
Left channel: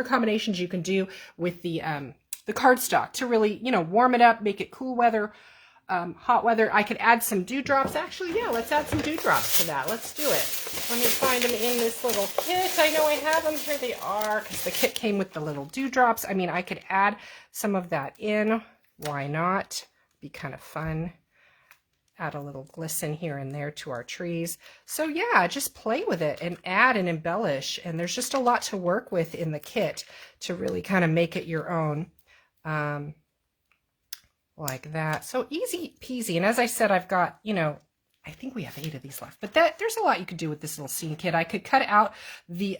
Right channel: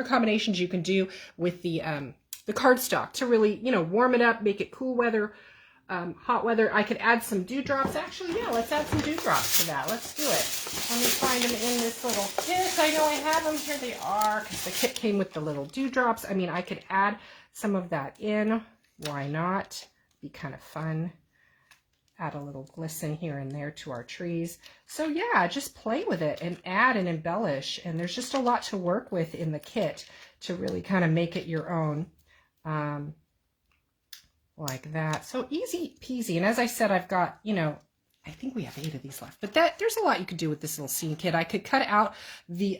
combinations you can do with the cardstock to really, warm it up, make it cool weather. hot weather. I could add some dewdrops. Actually, yeah, let's add some dewdrops to that. Let's do it. Let me find them in this little kit. I know I have them. Here they are, because the kit came with the little dewdrops. I mean, I could add some of that in. Why not? Be kind of fun. Add a little glisten here and there to our trees. So yeah, just play with it and add and embellish. And there's just a lot to work with in the kit to really kind of make it your own. Like that. So easy peasy. And as I said, I've got, you know, I think we have 8 of these left, but there's a lot you could do with this little scene kit. I could cut out the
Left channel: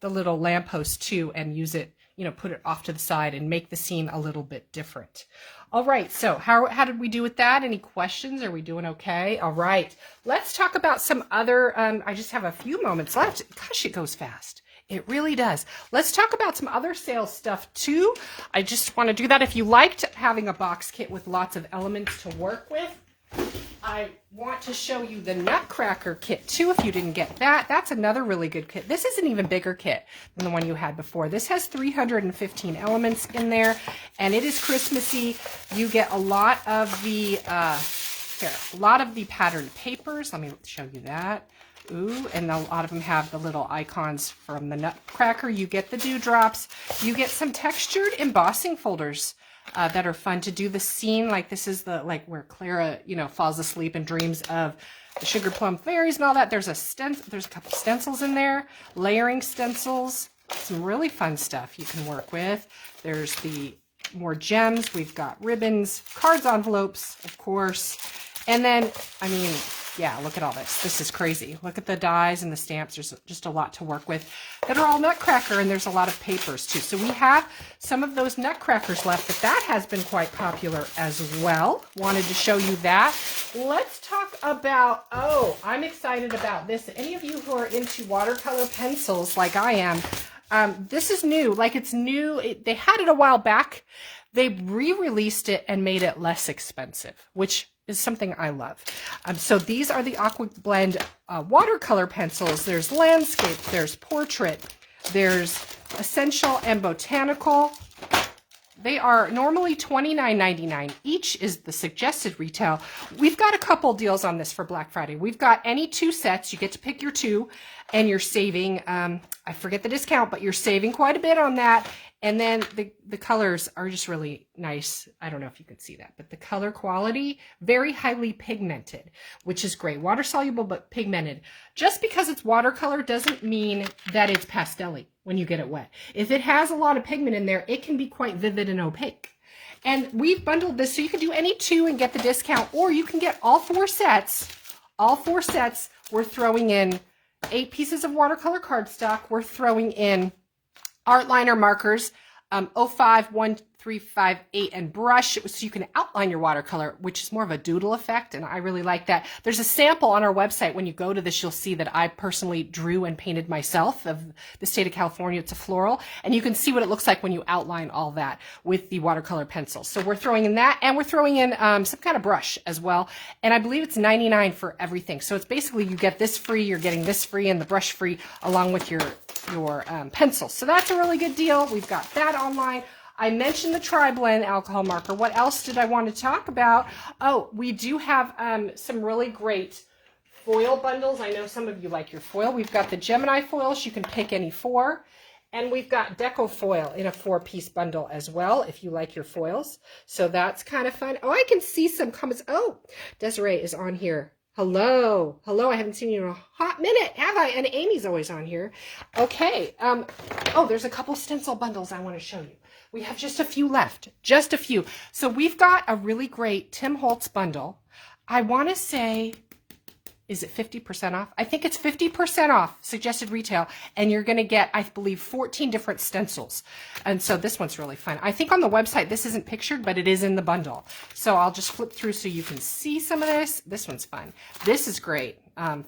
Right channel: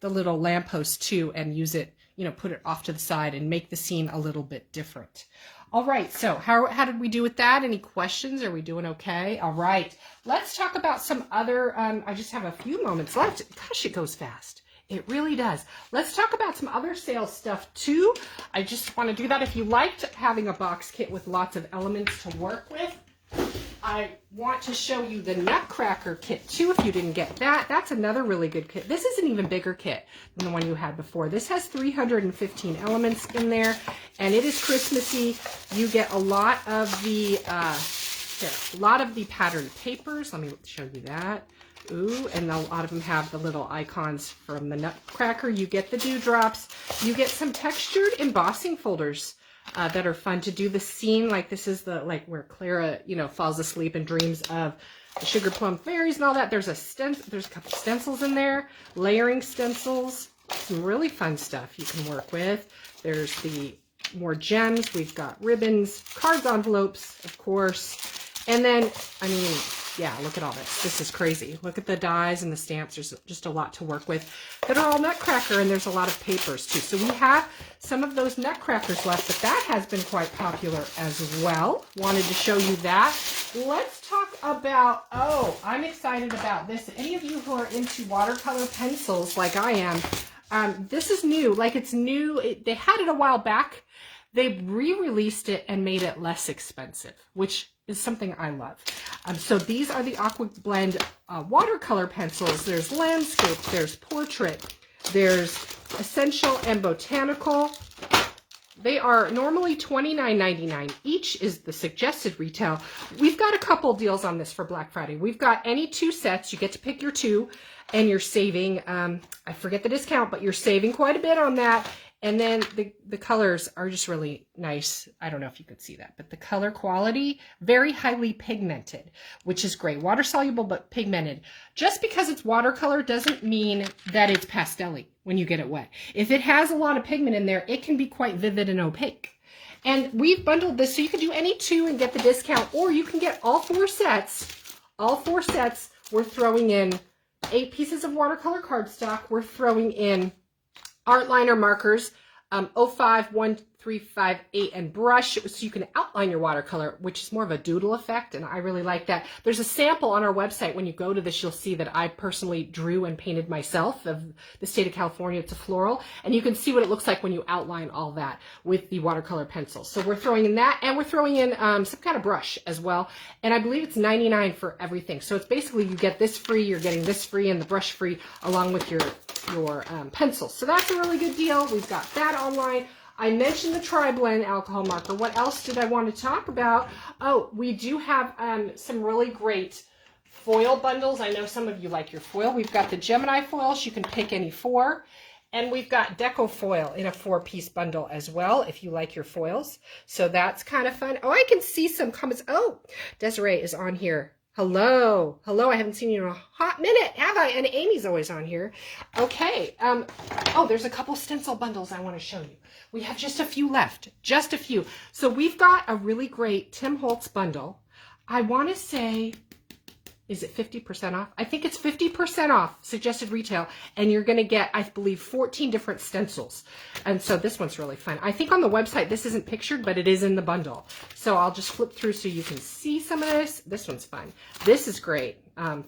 little lamppost too and use it, you know, put it off to the side and make the scene a little bit different. All right, so how did we do with that? Any questions? Are we doing okay? All right, let's talk about some other, I just have a few moments left. Gosh, it goes fast. It really does. Let's talk about some other sales stuff too. I just want to do that. If you liked having a box kit with lots of elements to work with, I want to show you the Nutcracker kit too, if you didn't get that. That's another really good kit. This is an even bigger kit than the one you had before. This has 315 elements in there, and it is Christmassy. You get a lot of the, patterned papers. Let me show you that. Ooh, and a lot of them have the little icons from the Nutcracker. You get the dewdrops. You get some textured embossing folders that are fun to do the scene. Like this is the, like where Clara, you know, falls asleep and dreams of the sugar plum fairies and all that. There's a couple stencils in there, layering stencils, some really fun stuff you can work with. There's the more gems. We've got ribbons, cards, envelopes, of course. And then, I mean, yeah, look at all this. This is crazy. Look at the dies and the stamps. There's just a lot to work with that are all Nutcracker, and there's a lot of papers too. So we have some of those Nutcrackers left, but that has been quite popular as well. Wanted to show you that. Let's talk about, oh, I'm excited about this. Any of you who are into watercolor pencils like I am, this is new. Like it's new. They had it a while back. They re-released it and made it less expensive, which is something I love. So these are the Aqua Blend watercolor pencils. There's landscape, there's portrait, there's essential and botanical. They are normally $29.99. Each is the suggested retail. We've got a couple deals on this for Black Friday. We've got any 2 sets. You get to pick your 2, and you're saving, I forget the discount, but you're saving quite a bit on that. And then the colors are just really nice. I don't know if you can see that, but the color quality, very highly pigmented, which is great. Water soluble, but pigmented. Just because it's watercolor doesn't mean that it's pastel-y when you get it wet. If it has a lot of pigment in there, it can be quite vivid and opaque. And we've bundled this so you can do any 2 and get the discount, or you can get all 4 sets. All 4 sets, we're throwing in 8 pieces of watercolor cardstock. We're throwing in art liner markers, 05, 1, 3, 5, 8, and brush, so you can outline your watercolor, which is more of a doodle effect, and I really like that. There's a sample on our website. When you go to this, you'll see that I personally drew and painted myself of the state of California. It's a floral, and you can see what it looks like when you outline all that with the watercolor pencils. So we're throwing in that, and we're throwing in some kind of brush as well, and I believe it's $99 for everything. So it's basically you get this free, you're getting this free, and the brush free along with your pencils. So that's a really good deal. We've got that online. I mentioned the Tri-Blend alcohol marker. What else did I want to talk about? Oh, we do have some really great foil bundles. I know some of you like your foil. We've got the Gemini foils. You can pick any 4. And we've got Deco foil in a 4-piece bundle as well, if you like your foils. So that's kind of fun. Oh, I can see some comments. Oh, Desiree is on here. Hello. Hello. I haven't seen you in a hot minute, have I? And Amy's always on here. Okay. Oh, there's a couple stencil bundles I want to show you. We have just a few left. Just a few. So we've got a really great Tim Holtz bundle. I want to say, is it 50% off? I think it's 50% off suggested retail, and you're going to get, I believe, 14 different stencils. And so this one's really fun. I think on the website this isn't pictured, but it is in the bundle. So I'll just flip through so you can see some of this. This one's fun. This is great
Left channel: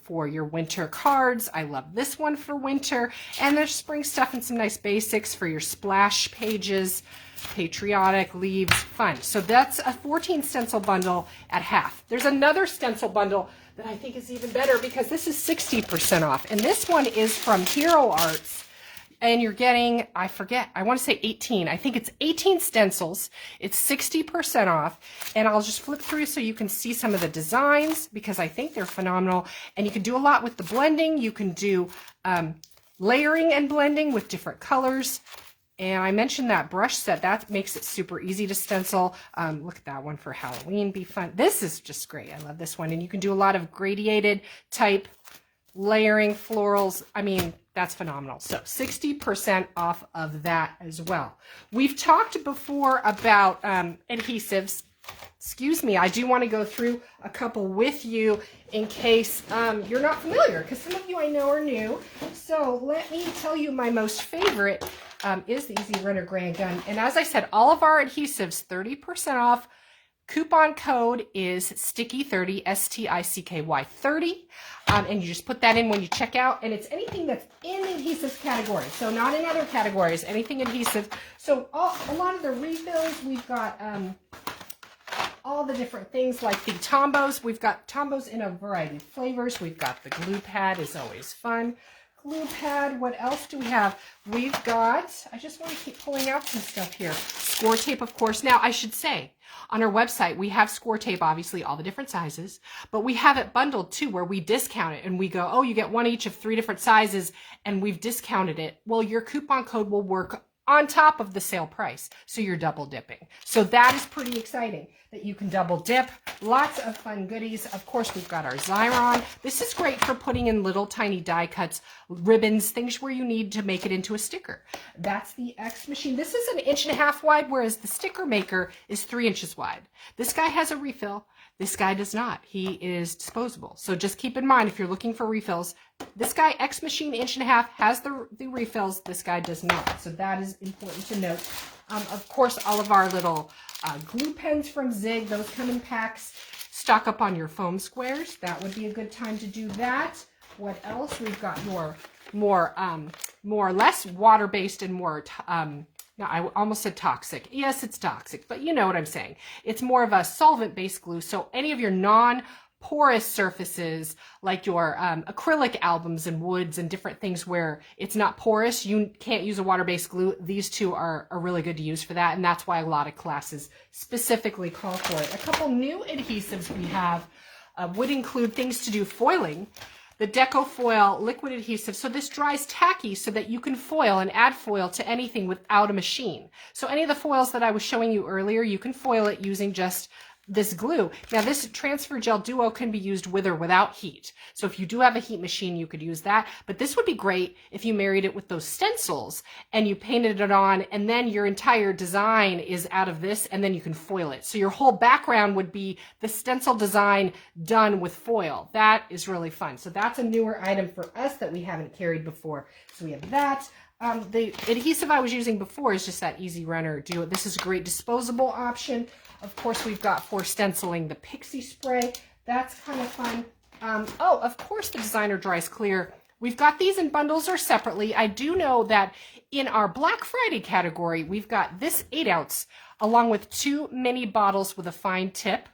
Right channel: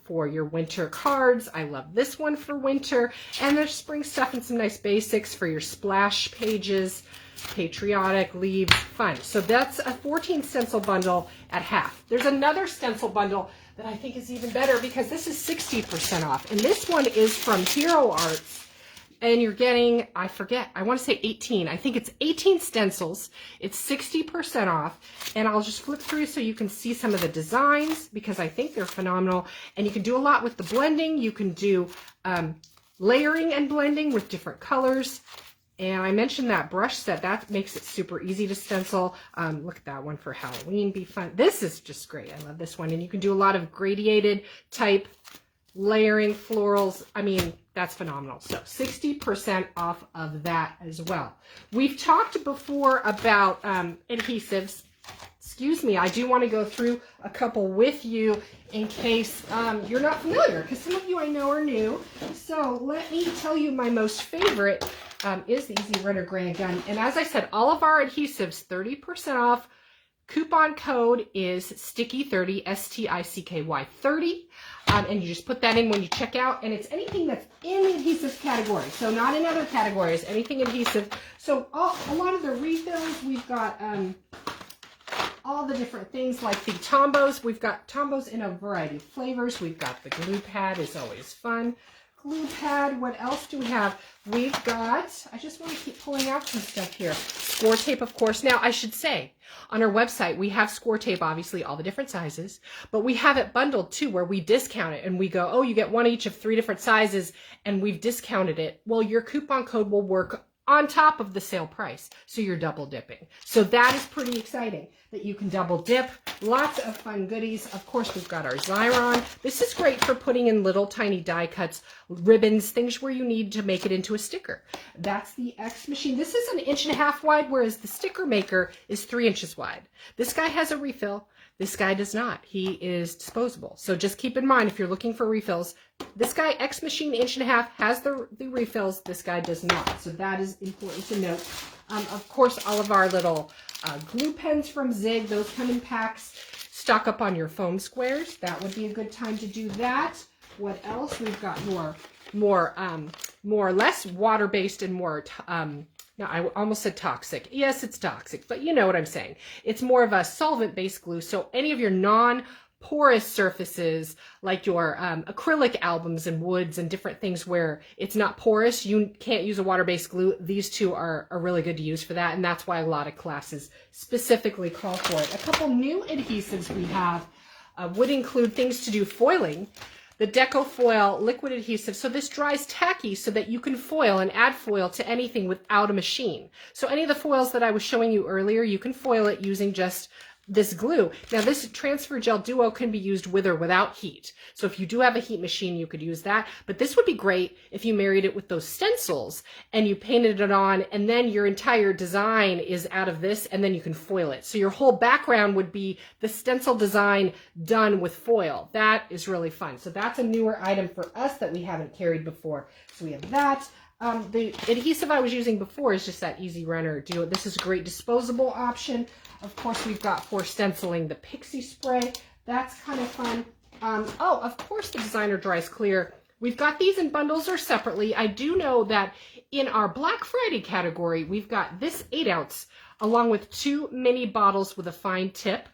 for your winter cards. I love this one for winter. And there's spring stuff and some nice basics for your splash pages. Patriotic, leaves, fun. So that's a 14 stencil bundle at half. There's another stencil bundle that I think is even better because this is 60% off. And this one is from Hero Arts. and you're getting, I forget, I want to say 18. I think it's 18 stencils. It's 60% off. And I'll just flip through so you can see some of the designs because I think they're phenomenal. And you can do a lot with the blending. You can do layering and blending with different colors. And I mentioned that brush set. That makes it super easy to stencil. Look at that one for Halloween. Be fun. This is just great. I love this one. And you can do a lot of gradiated type layering, florals. I mean, that's phenomenal. So 60% off of that as well. We've talked before about adhesives. Excuse me, I do want to go through a couple with you in case you're not familiar, because some of you I know are new. So let me tell you my most favorite is the Easy Runner Grand Gun. And as I said, all of our adhesives, 30% off. Coupon code is STICKY30, STICKY 30. And you just put that in when you check out. And it's anything that's in the adhesive category. So not in other categories, anything adhesive. So a lot of the refills, we've got all the different things like the Tombos. We've got Tombos in a variety of flavors. We've got the glue pad, is always fun. Glue pad, what else do we have? We've got, I just want to keep pulling out some stuff here. Score tape, of course. Now, I should say, on our website, we have score tape, obviously, all the different sizes, but we have it bundled too, where we discount it and we go, oh, you get one each of 3 different sizes, and we've discounted it. Well, your coupon code will work on top of the sale price, so you're double dipping. So that is pretty exciting that you can double dip. Lots of fun goodies. Of course, we've got our Xyron. This is great for putting in little tiny die cuts, ribbons, things where you need to make it into a sticker. That's the X machine. This is 1.5 inches wide, whereas the sticker maker is 3 inches wide. This guy has a refill. This guy does not. He is disposable. So just keep in mind, if you're looking for refills, this guy, X Machine 1.5 inches, has the refills. This guy does not. So that is important to note. Of course, all of our little glue pens from Zig, those come in packs. Stock up on your foam squares. That would be a good time to do that. What else? We've got more or less water-based and more no, I almost said toxic. Yes, it's toxic, but you know what I'm saying. It's more of a solvent-based glue. So any of your non-porous surfaces, like your acrylic albums and woods and different things where it's not porous, you can't use a water-based glue. These two are really good to use for that, and that's why a lot of classes specifically call for it. A couple new adhesives we have would include things to do foiling. The Deco Foil liquid adhesive. So this dries tacky so that you can foil and add foil to anything without a machine. So any of the foils that I was showing you earlier, you can foil it using just this glue. Now this transfer gel duo can be used with or without heat. So if you do have a heat machine, you could use that. But this would be great if you married it with those stencils and you painted it on, and then your entire design is out of this, and then you can foil it. So your whole background would be the stencil design done with foil. That is really fun. So that's a newer item for us that we haven't carried before. So we have that. The adhesive I was using before is just that Easy Runner Duo. This is a great disposable option. Of course, we've got for stenciling the Pixie Spray. That's kind of fun. Oh, of course, the Designer Dries Clear. We've got these in bundles or separately. I do know that in our Black Friday category, we've got this 8-ounce along with 2 mini bottles with a fine tip.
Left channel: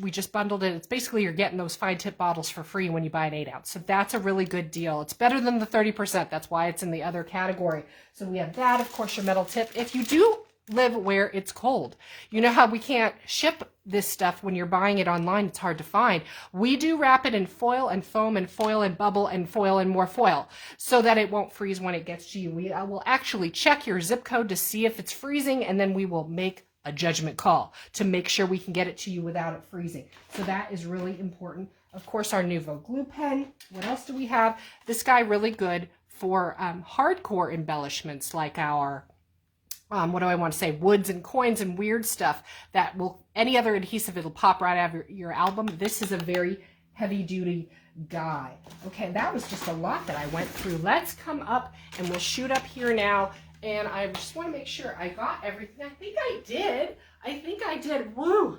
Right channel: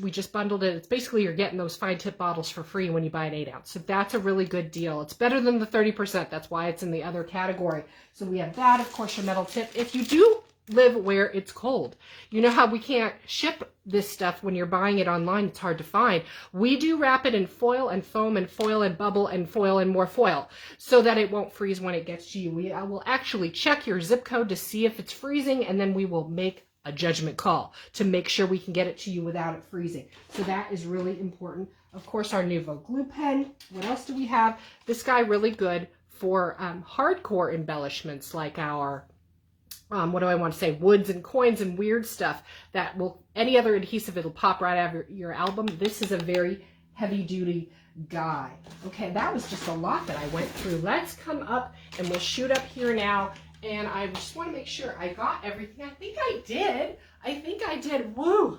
We just bundled it. It's basically you're getting those fine tip bottles for free when you buy an 8-ounce. So that's a really good deal. It's better than the 30%. That's why it's in the other category. So we have that, of course, your metal tip. If you do live where it's cold, you know how we can't ship this stuff when you're buying it online. It's hard to find. We do wrap it in foil and foam and foil and bubble and foil and more foil so that it won't freeze when it gets to you. I will actually check your zip code to see if it's freezing, and then we will make a judgment call to make sure we can get it to you without it freezing. So that is really important. Of course, our Nouveau glue pen. What else do we have? This guy really good for hardcore embellishments like our what do I want to say? Woods and coins and weird stuff that will, any other adhesive, it'll pop right out of your album. This is a very heavy duty guy. Okay, that was just a lot that I went through. Let's come up and we'll shoot up here now. And I just want to make sure I got everything. I think I did. Woo!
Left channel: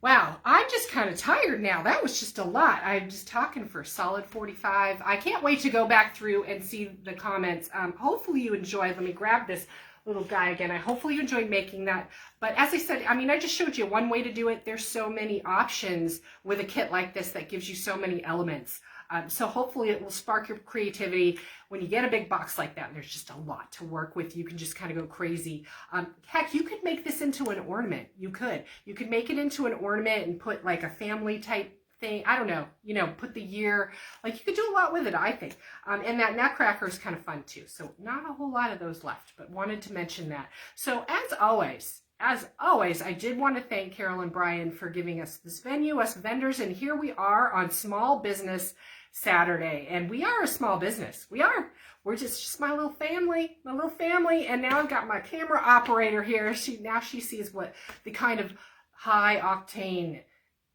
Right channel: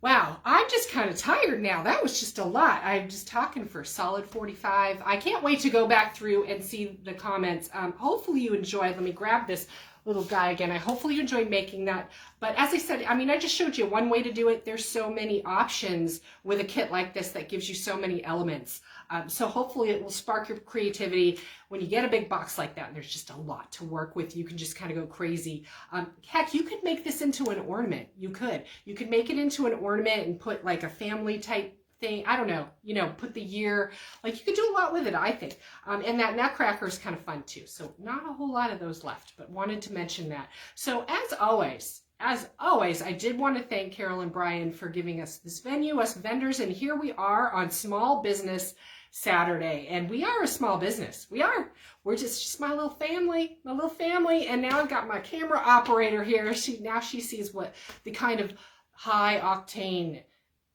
Wow, I'm just kind of tired now. That was just a lot. I'm just talking for a solid 45. I can't wait to go back through and see the comments. Hopefully you enjoyed. Let me grab this little guy again. I hopefully you enjoyed making that. But as I said, I mean, I just showed you one way to do it. There's so many options with a kit like this that gives you so many elements. So hopefully it will spark your creativity when you get a big box like that. And there's just a lot to work with. You can just kind of go crazy. Heck, you could make this into an ornament. You could make it into an ornament and put like a family type thing. I don't know, put the year, like you could do a lot with it, I think. And that nutcracker is kind of fun too. So not a whole lot of those left, but wanted to mention that. So as always, I did want to thank Carol and Brian for giving us this venue, us vendors, and here we are on Small Business Saturday, and we are a small business. We're just my little family, and now I've got my camera operator here. She sees what the kind of high octane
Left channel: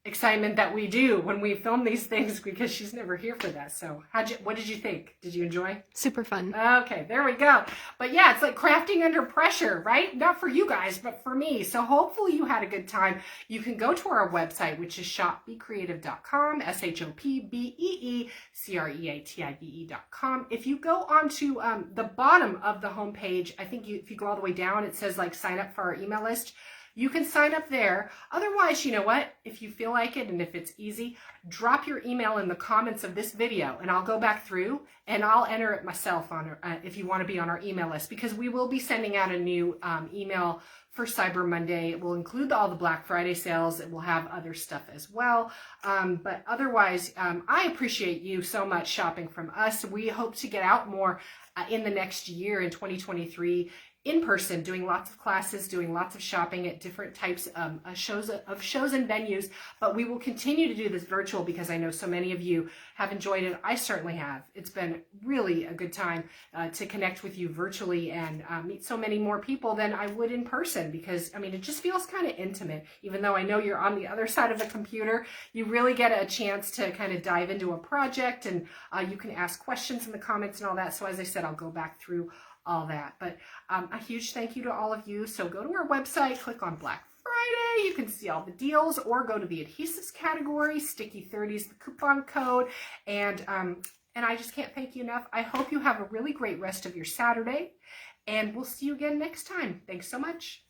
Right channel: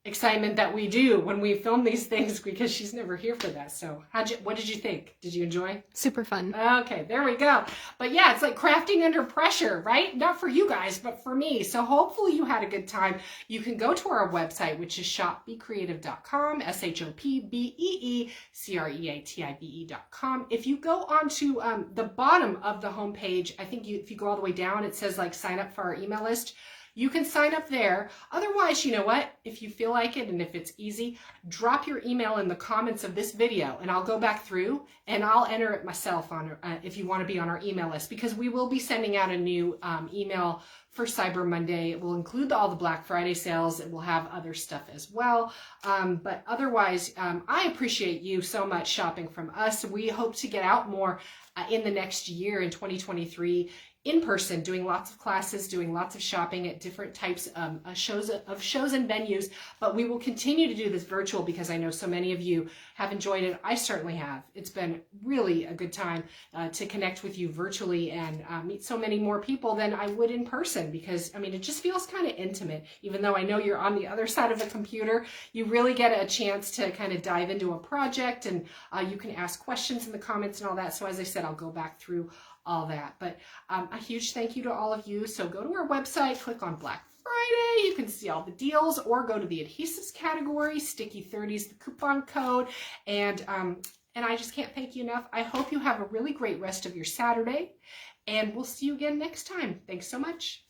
excitement that we do when we film these things, because she's never here for that. So what did you think? Did you enjoy? Super fun. Okay, there we go. But yeah, it's like crafting under pressure, right? Not for you guys, but for me. So hopefully you had a good time. You can go to our website, which is shopbecreative.com, shopbecreative.com. If you go onto the bottom of the homepage, I think if you go all the way down, it says like sign up for our email list. You can sign up there. Otherwise, you know what? If you feel like it and if it's easy, drop your email in the comments of this video and I'll go back through and I'll enter it myself on if you want to be on our email list, because we will be sending out a new email for Cyber Monday. It will include all the Black Friday sales. It will have other stuff as well. But otherwise, I appreciate you so much shopping from us. We hope to get out more in the next year in 2023. In person, doing lots of classes, doing lots of shopping at different types of shows and venues. But we will continue to do this virtual because I know so many of you have enjoyed it. I certainly have. It's been really a good time to connect with you virtually and meet so many more people than I would in person, because I mean, it just feels kind of intimate. Even though I know you're on the other side of the computer, you really get a chance to kind of dive into a project, and you can ask questions in the comments and all that. So as I said, I'll go back through all that. But a huge thank you to all of you. So go to our website, click on Black Friday. You can see all the deals, or go to the adhesives category, Sticky 30s, the coupon code. And I just can't thank you enough. I hope you have a really great rest of your Saturday, and we'll see you again next time. Thanks so much.